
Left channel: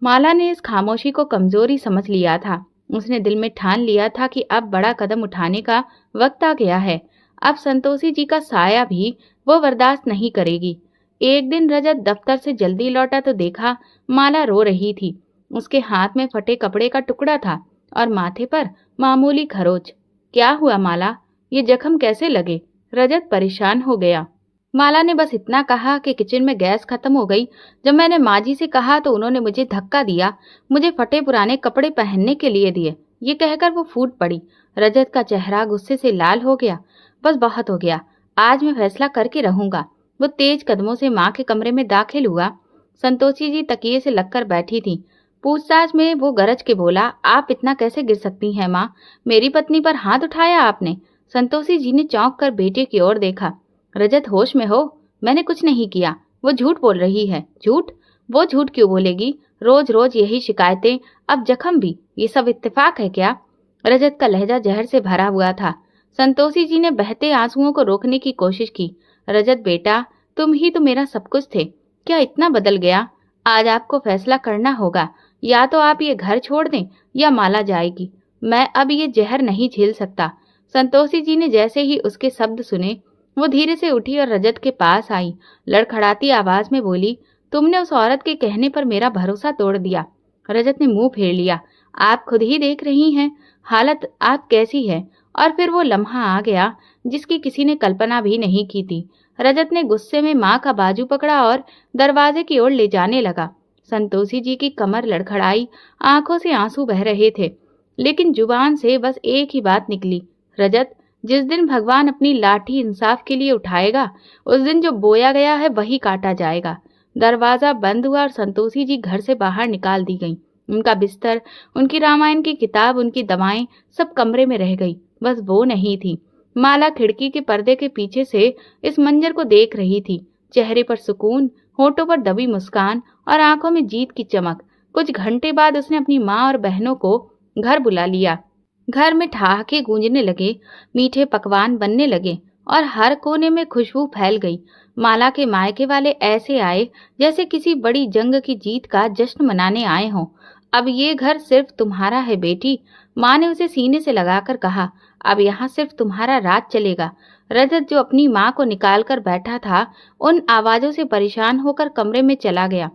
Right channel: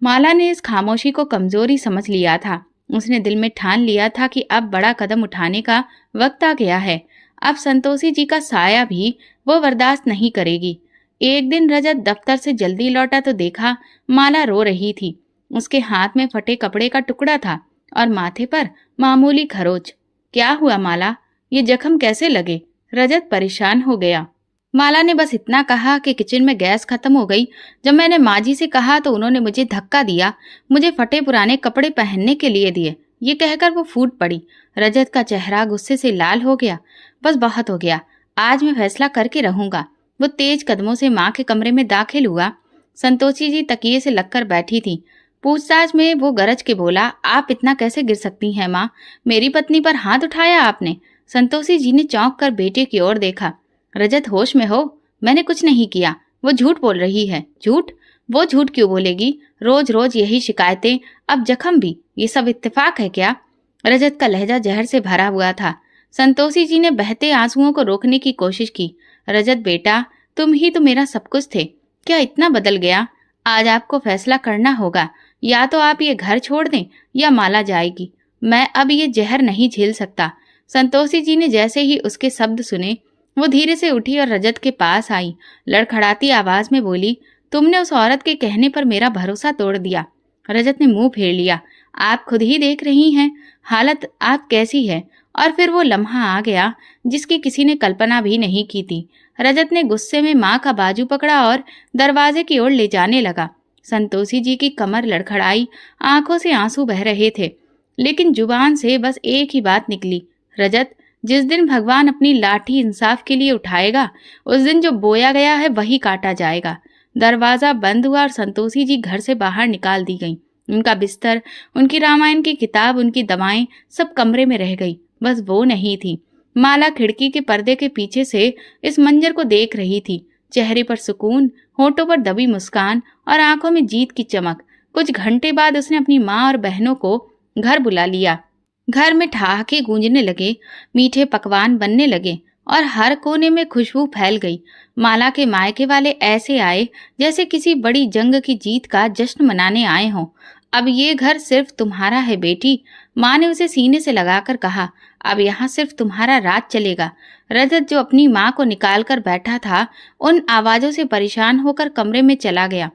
माला ने इस खामोशी को कमजोरी समझ लिया था। उसने दिल में ठान लिया था कि अब बड़ा कदम उठाने का वक्त आ गया है। अब संतोषी जी का साया भी वो बर्दाश्त नहीं करेगी। एक दिन रजत दफ्तर से जल्दी लौटा तो देखा माला रो रही थी। उसके हाथ में फटे कपड़े का टुकड़ा था और माथे पर मामूली खरोच। क्या हुआ माला, ये जख्म कैसे लगे? रजत परेशान हो गया। माला ने बस इतना कहा कि किचन में गैस खत्म हो गई। जब मैंने माँ जी से कहा तो उन्होंने मुझे धक्का दिया, मुझे फटे पुराने कपड़े पहनने के लिए दिए। ये कहकर वो फूट पड़ी। रजत का चेहरा गुस्से से लाल हो गया। बस बहुत हो गया, आज मैं फैसला करके रहूंगा। वो तेज कदमों से माँ के कमरे में दाखिल हुआ। संतोषी जी तकिए से लगकर बैठी थी। पूछताछ में वो गरज के बोला, आप इतना कैसे गिर सकती हैं माँ? मेरी पत्नी पर हाथ उठाया आपने? संतोषी जी ने चौंक कर बेटे की ओर देखा। रजत, होश में हो? मैंने कुछ नहीं किया। वो झूठ बोल रही है। झूठ? वो झूठ क्यों बोलेगी? रोज रोज यही शिकायतें, अब जख्म भी, ये सब इत्तेफाक है क्या? रजत का लहजा जहर से भरा हुआ था। संतोषी जी ने बहते आंसुओं को रोकने की कोशिश की। रजत बेटा, तुम ही तो मेरा सब कुछ थे। क्या इतना बदल गया? आज आपको फैसला करना होगा। या तो आप ये घर छोड़ दें या माला जाएगी। मैं अब ये जहर नहीं झेल सकता। संतोषी जी ने जैसे ही उसके शब्द सुने, वो धीरे से उठी और रजत के पास आई। लड़खड़ाती आवाज में बोली, तुमने उस औरत के कहने पर मेरा भरोसा तोड़ दिया। रजत ने मुंह फेर लिया। आप खुद ही देख रही हैं हालत आप कैसी है। और फिर वो लम्हा आ गया जिसकी किसी ने कल्पना भी नहीं की थी। रजत ने गुस्से में माँ का बाजू पकड़ा और दरवाजे की ओर ले जाने लगा। संतोषी जी की कमर लड़खड़ाई, आंखों से आंसू बह रहे थे, लेकिन जुबान से बस एक ही बात निकली, रजत, जिस दिन भगवान अपनी लाठी इंसाफ के लिए उठाएगा, उस दिन जो बोया गया है वही काटा जाएगा। दरवाजा बंद हुआ और संतोषी जी घर से बाहर निकाल दी गई। उनका बिस्तर, उनकी रामायण की किताब, उनकी दवाएं सब कमरे में रह गई। बस वो नहीं थी। माला खिड़की के पर्दे के पीछे से इस मंजर को देख रही थी। चेहरे पर सुकून, होठों पर दबी मुस्कान और आंखों में जीत की चमक। कुछ घंटे बाद उसने अपनी माँ और बहनों को घर बुला लिया। घर में ठहाके गूंजने लगे, मीठे पकवान बनने लगे और हर कोने में खुशबू फैल गई। माला के मायके वाले ऐसे आए जैसे किसी बड़ी जंग की जीत का जश्न मनाने आए हों। अब ये घर सिर्फ तुम्हारा है बेटी, माँ ने उसे सीने से लगाकर कहा। अब यहाँ सिर्फ तुम्हारा राज चलेगा। रजत, जो अपनी माँ को निकाल कर बैठा था, उन आवाजों से परेशान होकर कमरे में चला गया।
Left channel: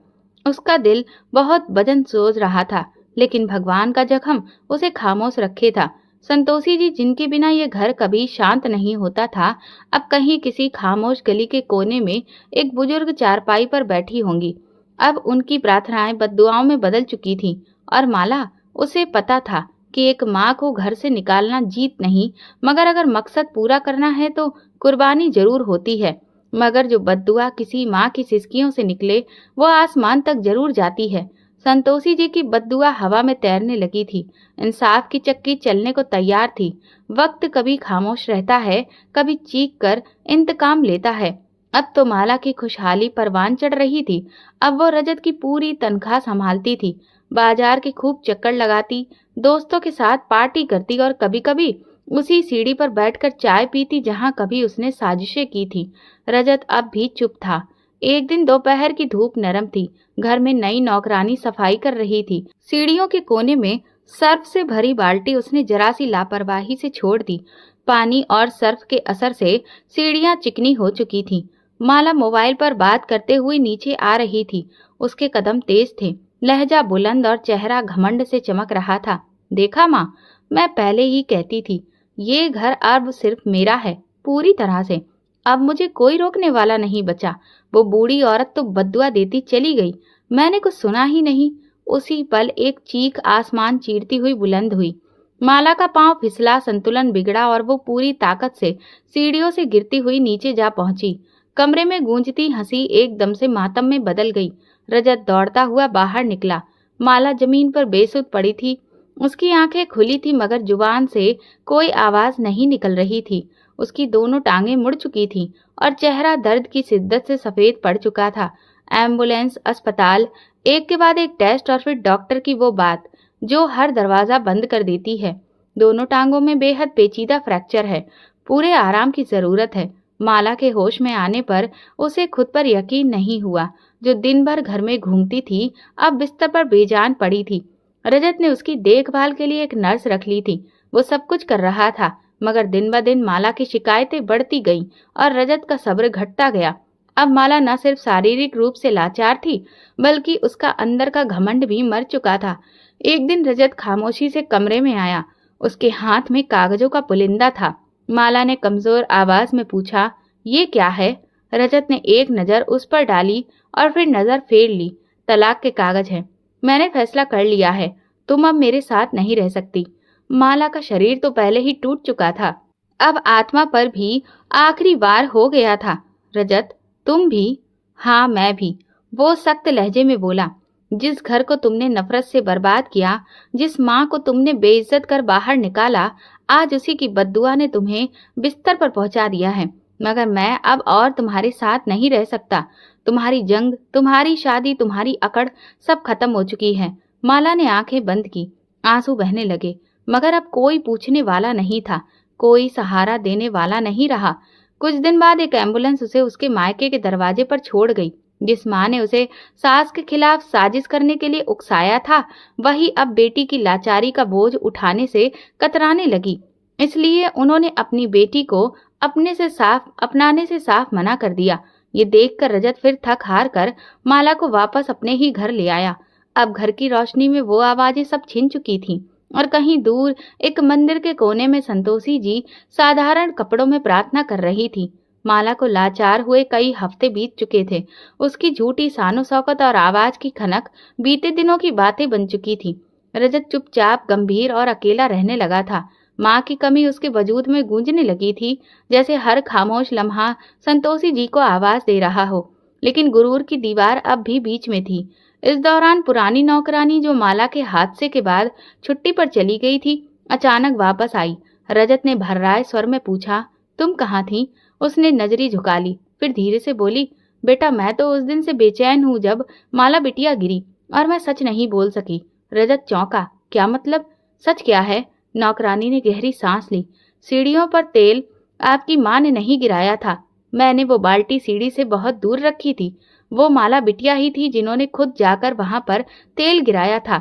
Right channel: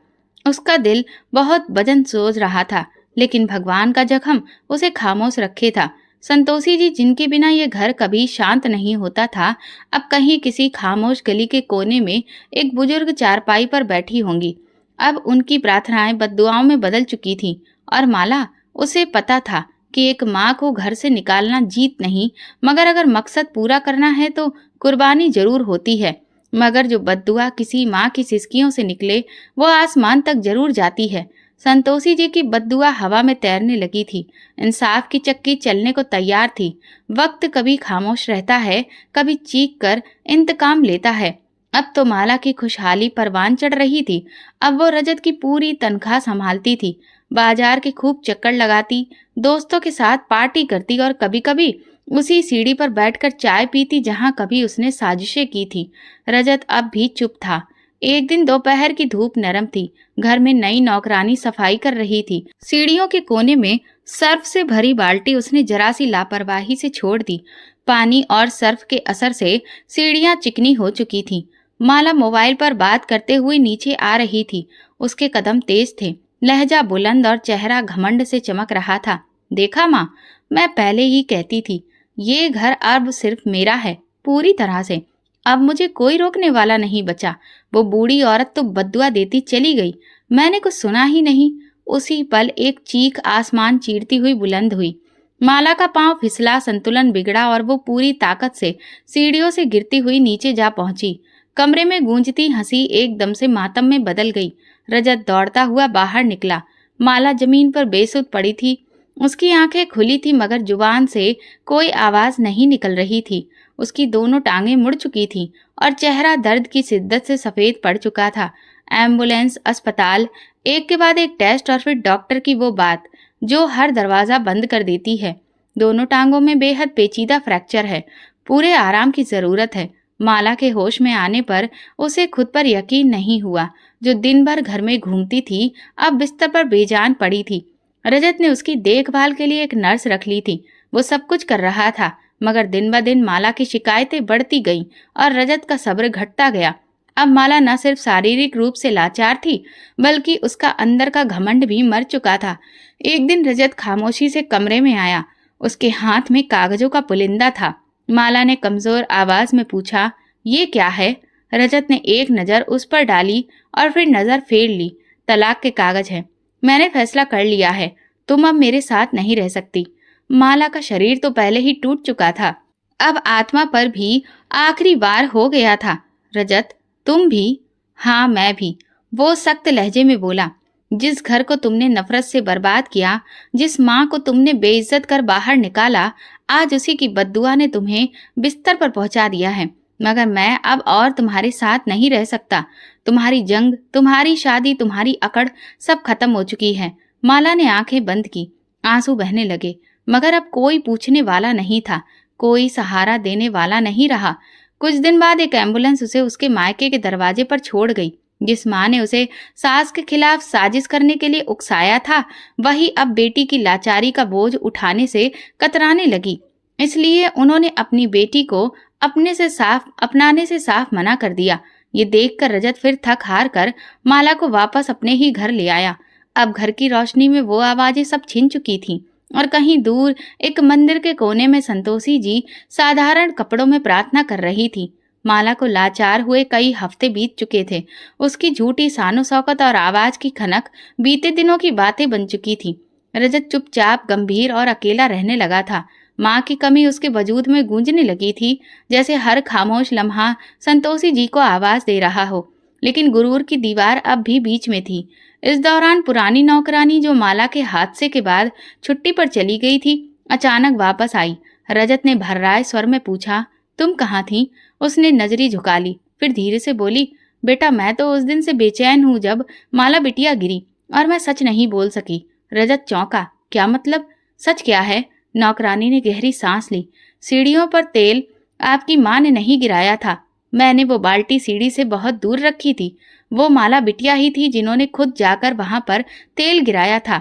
उसका दिल बहुत वजन सोच रहा था, लेकिन भगवान का जख्म उसे खामोश रखे था। संतोषी जी, जिनके बिना ये घर कभी शांत नहीं होता था, अब कहीं किसी खामोश गली के कोने में एक बुजुर्ग चारपाई पर बैठी होंगी। अब उनकी प्रार्थनाएं बद्दुआओं में बदल चुकी थीं और माला, उसे पता था कि एक माँ को घर से निकालना जीत नहीं, मगर अगर मकसद पूरा करना है तो कुर्बानी जरूर होती है। मगर जो बद्दुआ किसी माँ की सिसकियों से निकले, वो आसमान तक जरूर जाती है। संतोषी जी की बद्दुआ हवा में तैरने लगी थी। इंसाफ की चक्की चलने को तैयार थी। वक्त कभी खामोश रहता है, कभी चीख कर इंतकाम लेता है। अब तो माला की खुशहाली परवान चढ़ रही थी। अब वो रजत की पूरी तनख्वाह संभालती थी, बाजार के खूब चक्कर लगाती, दोस्तों के साथ पार्टी करती और कभी कभी उसी सीढ़ी पर बैठकर चाय पीती जहां कभी उसने साजिशें की थी। रजत अब भी चुप था। एक दिन दोपहर की धूप नरम थी। घर में नई नौकरानी सफाई कर रही थी। सीढ़ियों के कोने में सर्फ से भरी बाल्टी उसने जरा सी लापरवाही से छोड़ दी। पानी और सर्फ के असर से सीढ़ियां चिकनी हो चुकी थीं। माला मोबाइल पर बात करते हुए नीचे आ रही थी। उसके कदम तेज थे, लहजा बुलंद और चेहरा घमंड से चमक रहा था। देखा माँ, मैं पहले ही कहती थी, ये घर अब सिर्फ मेरा है, पूरी तरह से। अब मुझे कोई रोकने वाला नहीं बचा। वो बूढ़ी औरत तो बद्दुआ देती चली गई, मैंने कुछ सुना ही नहीं। उसी पल एक चीख आसमान चीरती हुई बुलंद हुई। माला का पांव फिसला, संतुलन बिगड़ा और वो पूरी ताकत से सीढ़ियों से गिरती हुई नीचे जा पहुंची। कमरे में गूंजती हंसी एकदम से मातम में बदल गई। रजत दौड़ता हुआ बाहर निकला। माला जमीन पर बेसुध पड़ी थी। उसकी आंखें खुली थी मगर जुबान से कोई आवाज नहीं निकल रही थी। उसकी दोनों टांगें मुड़ चुकी थीं और चेहरा दर्द की शिद्दत से सफेद पड़ चुका था। एम्बुलेंस, अस्पताल, एक के बाद एक टेस्ट और फिर डॉक्टर की वो बात जो हर दरवाजा बंद कर देती है। दोनों टांगों में बेहद पेचीदा फ्रैक्चर है, पूरे आराम की जरूरत है। माला के होश में आने पर उसे खुद पर यकीन नहीं हुआ। जो दिन भर घर में घूमती थी, अब बिस्तर पर बेजान पड़ी थी। रजत ने उसकी देखभाल के लिए एक नर्स रख ली थी। वो सब कुछ कर रहा था, मगर दिन ब दिन माला की शिकायतें बढ़ती गईं और रजत का सब्र घटता गया। अब माला न सिर्फ शारीरिक रूप से लाचार थी, बल्कि उसका अंदर का घमंड भी मर चुका था। एक दिन रजत खामोशी से कमरे में आया। उसके हाथ में कागजों का पुलिंदा था। माला ने कमजोर आवाज में पूछा, ये क्या है? रजत ने एक नजर उस पर डाली और फिर नजर फेर ली। तलाक के कागज हैं। मैंने फैसला कर लिया है, तुम अब मेरे साथ नहीं रह सकती। माला का शरीर तो पहले ही टूट चुका था, अब आत्मा पर भी आखिरी वार हो गया था। रजत, तुम भी? हाँ, मैं भी, वो सख्त लहजे में बोला। जिस घर को तुमने नफरत से बर्बाद किया, जिस माँ को तुमने बेइज्जत कर बाहर निकाला, आज उसी की बद्दुआ ने तुम्हें बिस्तर पर पहुंचा दिया है। मगर मैं अब और तुम्हारे साथ नहीं रह सकता। तुम्हारी जंग, तुम्हारी शादी, तुम्हारी अकड़ सब खत्म हो चुकी है। माला ने आंखें बंद की। आंसू बहने लगे, मगर अब कोई पूछने वाला नहीं था, कोई सहारा देने वाला नहीं रहा। कुछ दिन बाद एक एम्बुलेंस उसे उसके मायके के दरवाजे पर छोड़ गई। जिस माँ ने उसे सास के खिलाफ साजिश करने के लिए उकसाया था, वही अब बेटी की लाचारी का बोझ उठाने से कतराने लगी। इसलिए उन्होंने अपनी बेटी को अपनाने से साफ मना कर दिया। ये देखकर रजत फिर थक हार कर माला को वापस अपने ही घर ले आया। अब घर की रोशनी में वो आवाजें सब छिन चुकी थीं और कहीं दूर एक मंदिर के कोने में संतोषी जी साधारण कपड़ों में प्रार्थना कर रही थी। माला को लाचार हुए कई हफ्ते बीत चुके थे। उसकी झूठी सानो शौकत और आवाज की खनक बीते दिनों की बातें बन चुकी थी। रजत चुपचाप, गंभीर और अकेला रहने लगा था। माँ की कमी उसके वजूद में गूंजने लगी थी, जैसे हर खामोश लम्हा संतोषी जी को आवाज दे रहा हो। लेकिन गुरूर की दीवार अब भी बीच में थी। इस दौरान पुरानी नौकरानी जो माला के हादसे के बाद छुट्टी पर चली गई थी, अचानक वापस आई। रजत ने भर्राए स्वर में पूछा, तुम कहाँ थी? उसने नजरी झुका ली, फिर धीरे से बोली, बेटा मैं तो उस दिन से बेचैन हूँ जब माला बिटिया गिरी, और मैं सच नहीं बोल सकी। रजत चौंका, क्या मतलब? सच क्या है? नौकरानी ने गहरी सांस ली। सीढ़ियों पर तेल आपकी माँ ने नहीं गिराया था। मैंने वो बाल्टी सीढ़ी से बहुत दूर रखी थी। वो माला बिटिया ही थी जिन्होंने खुद जाकर वहां पर तेल गिराया था,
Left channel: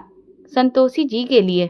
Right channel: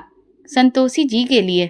संतोषी जी के लिए।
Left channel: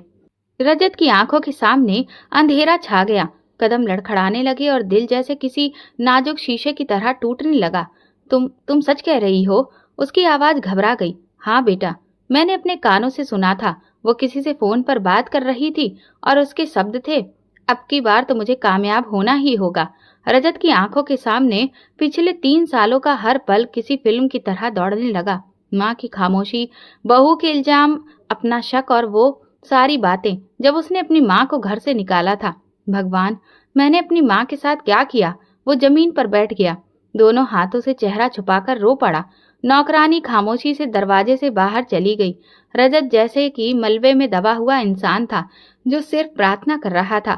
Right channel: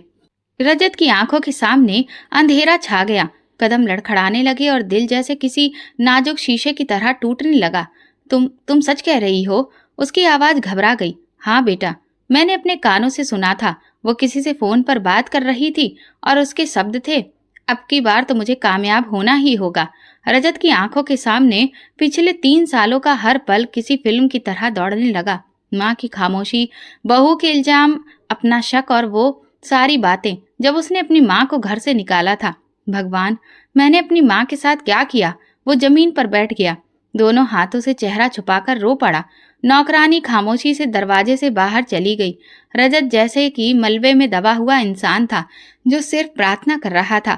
रजत की आंखों के सामने अंधेरा छा गया। कदम लड़खड़ाने लगे और दिल जैसे किसी नाजुक शीशे की तरह टूटने लगा। तुम सच कह रही हो? उसकी आवाज घबरा गई। हाँ बेटा, मैंने अपने कानों से सुना था। वो किसी से फोन पर बात कर रही थी और उसके शब्द थे, अब की बार तो मुझे कामयाब होना ही होगा। रजत की आंखों के सामने पिछले 3 सालों का हर पल किसी फिल्म की तरह दौड़ने लगा। माँ की खामोशी, बहू के इल्जाम, अपना शक और वो सारी बातें जब उसने अपनी माँ को घर से निकाला था। भगवान, मैंने अपनी माँ के साथ क्या किया? वो जमीन पर बैठ गया, दोनों हाथों से चेहरा छुपाकर रो पड़ा। नौकरानी खामोशी से दरवाजे से बाहर चली गई। रजत जैसे कि मलबे में दबा हुआ इंसान था जो सिर्फ प्रार्थना कर रहा था,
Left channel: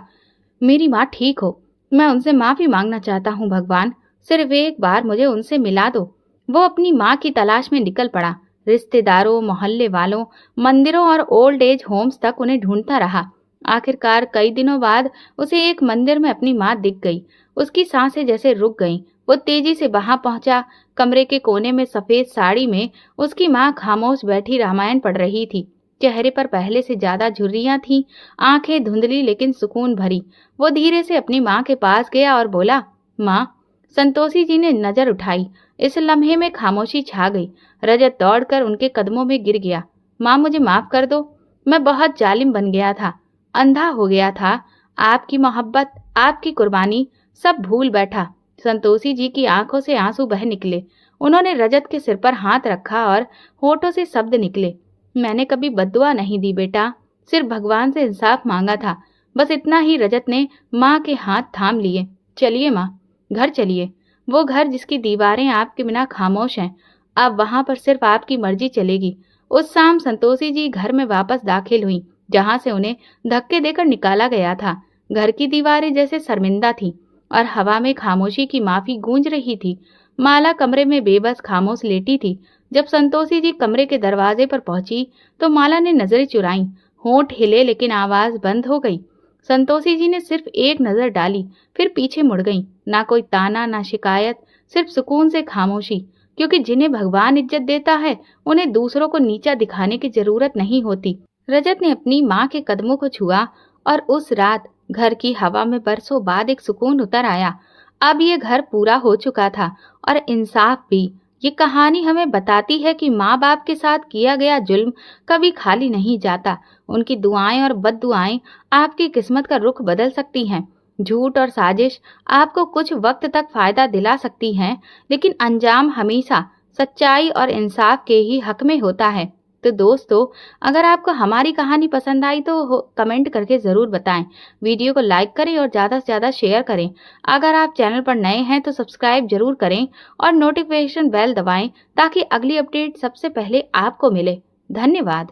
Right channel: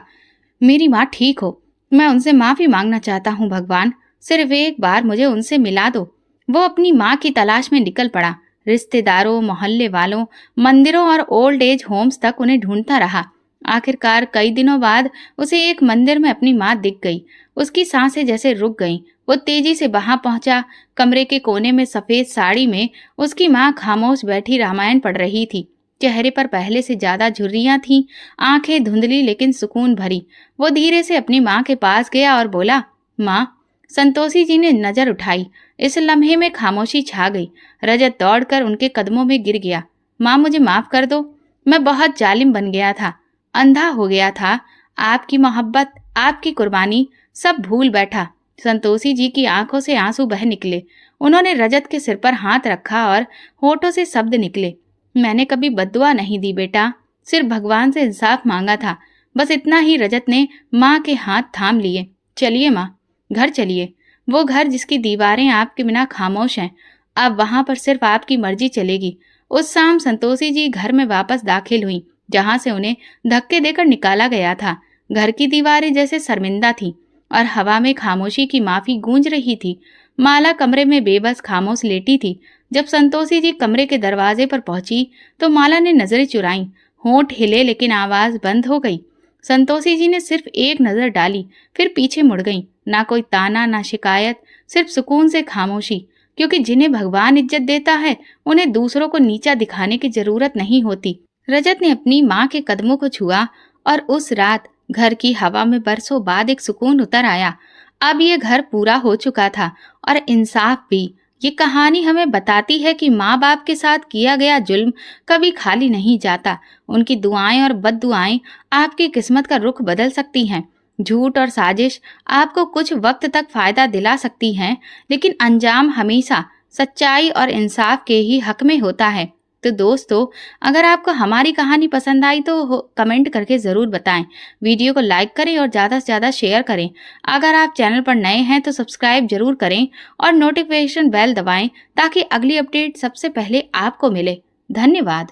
मेरी माँ ठीक हो। मैं उनसे माफी मांगना चाहता हूँ भगवान, सिर्फ एक बार मुझे उनसे मिला दो। वो अपनी माँ की तलाश में निकल पड़ा। रिश्तेदारों, मोहल्ले वालों, मंदिरों और ओल्ड एज होम्स तक उन्हें ढूंढता रहा। आखिरकार कई दिनों बाद उसे एक मंदिर में अपनी माँ दिख गई। उसकी सांसें जैसे रुक गईं। वो तेजी से वहां पहुंचा। कमरे के कोने में सफेद साड़ी में उसकी माँ खामोश बैठी रामायण पढ़ रही थी। चेहरे पर पहले से ज्यादा झुर्रियां थीं, आंखें धुंधली लेकिन सुकून भरी। वो धीरे से अपनी माँ के पास गया और बोला, माँ। संतोषी जी ने नजर उठाई। इस लम्हे में खामोशी छा गई। रजत दौड़कर उनके कदमों में गिर गया। माँ, मुझे माफ कर दो। मैं बहुत जालिम बन गया था, अंधा हो गया था। आपकी मोहब्बत, आपकी कुर्बानी सब भूल बैठा। संतोषी जी की आंखों से आंसू बह निकले। उन्होंने रजत के सिर पर हाथ रखा और होठों से शब्द निकले, मैंने कभी बद्दुआ नहीं दी बेटा, सिर्फ भगवान से इंसाफ मांगा था, बस इतना ही। रजत ने माँ के हाथ थाम लिए। चलिए माँ, घर चलिए। वो घर जिसकी दीवारें आपके बिना खामोश हैं, अब वहां पर सिर्फ आपकी मर्जी चलेगी। उस शाम संतोषी जी घर में वापस दाखिल हुई, जहां से उन्हें धक्के देकर निकाला गया था। घर की दीवारें जैसे शर्मिंदा थीं और हवा में खामोशी की माफी गूंज रही थी। माला कमरे में बेबस खामोश लेटी थी। जब संतोषी जी कमरे के दरवाजे पर पहुंची तो माला ने नजरें चुराईं। होंठ हिले लेकिन आवाज बंद हो गई। संतोषी जी ने सिर्फ एक नजर डाली, फिर पीछे मुड़ गईं। ना कोई ताना, ना शिकायत, सिर्फ सुकून से खामोशी। क्योंकि जिन्हें भगवान इज्जत देता है, उन्हें दूसरों को नीचा दिखाने की जरूरत नहीं होती। रजत ने अपनी माँ के कदमों को छुआ और उस रात घर की हवा में बरसों बाद एक सुकून उतर आया। अब ये घर पूरा हो चुका था और इंसाफ भी। ये कहानी हमें बताती है कि माँ बाप के साथ किया गया जुल्म कभी खाली नहीं जाता। उनकी दुआएं और बद्दुआएं आपकी किस्मत का रुख बदल सकती हैं। झूठ और साजिश आपको कुछ वक्त तक फायदा दिला सकती हैं, लेकिन अंजाम हमेशा सच्चाई और इंसाफ के ही हक में होता है। तो दोस्तों, अगर आपको हमारी कहानी पसंद आई तो कमेंट करके ज़रूर बताएं। वीडियो को लाइक करें और ज़्यादा से ज़्यादा शेयर करें। अगर आप चैनल पर नए हैं तो सब्सक्राइब जरूर करें और नोटिफिकेशन बेल दबाएं ताकि अगली अपडेट सबसे पहले आपको मिले। धन्यवाद।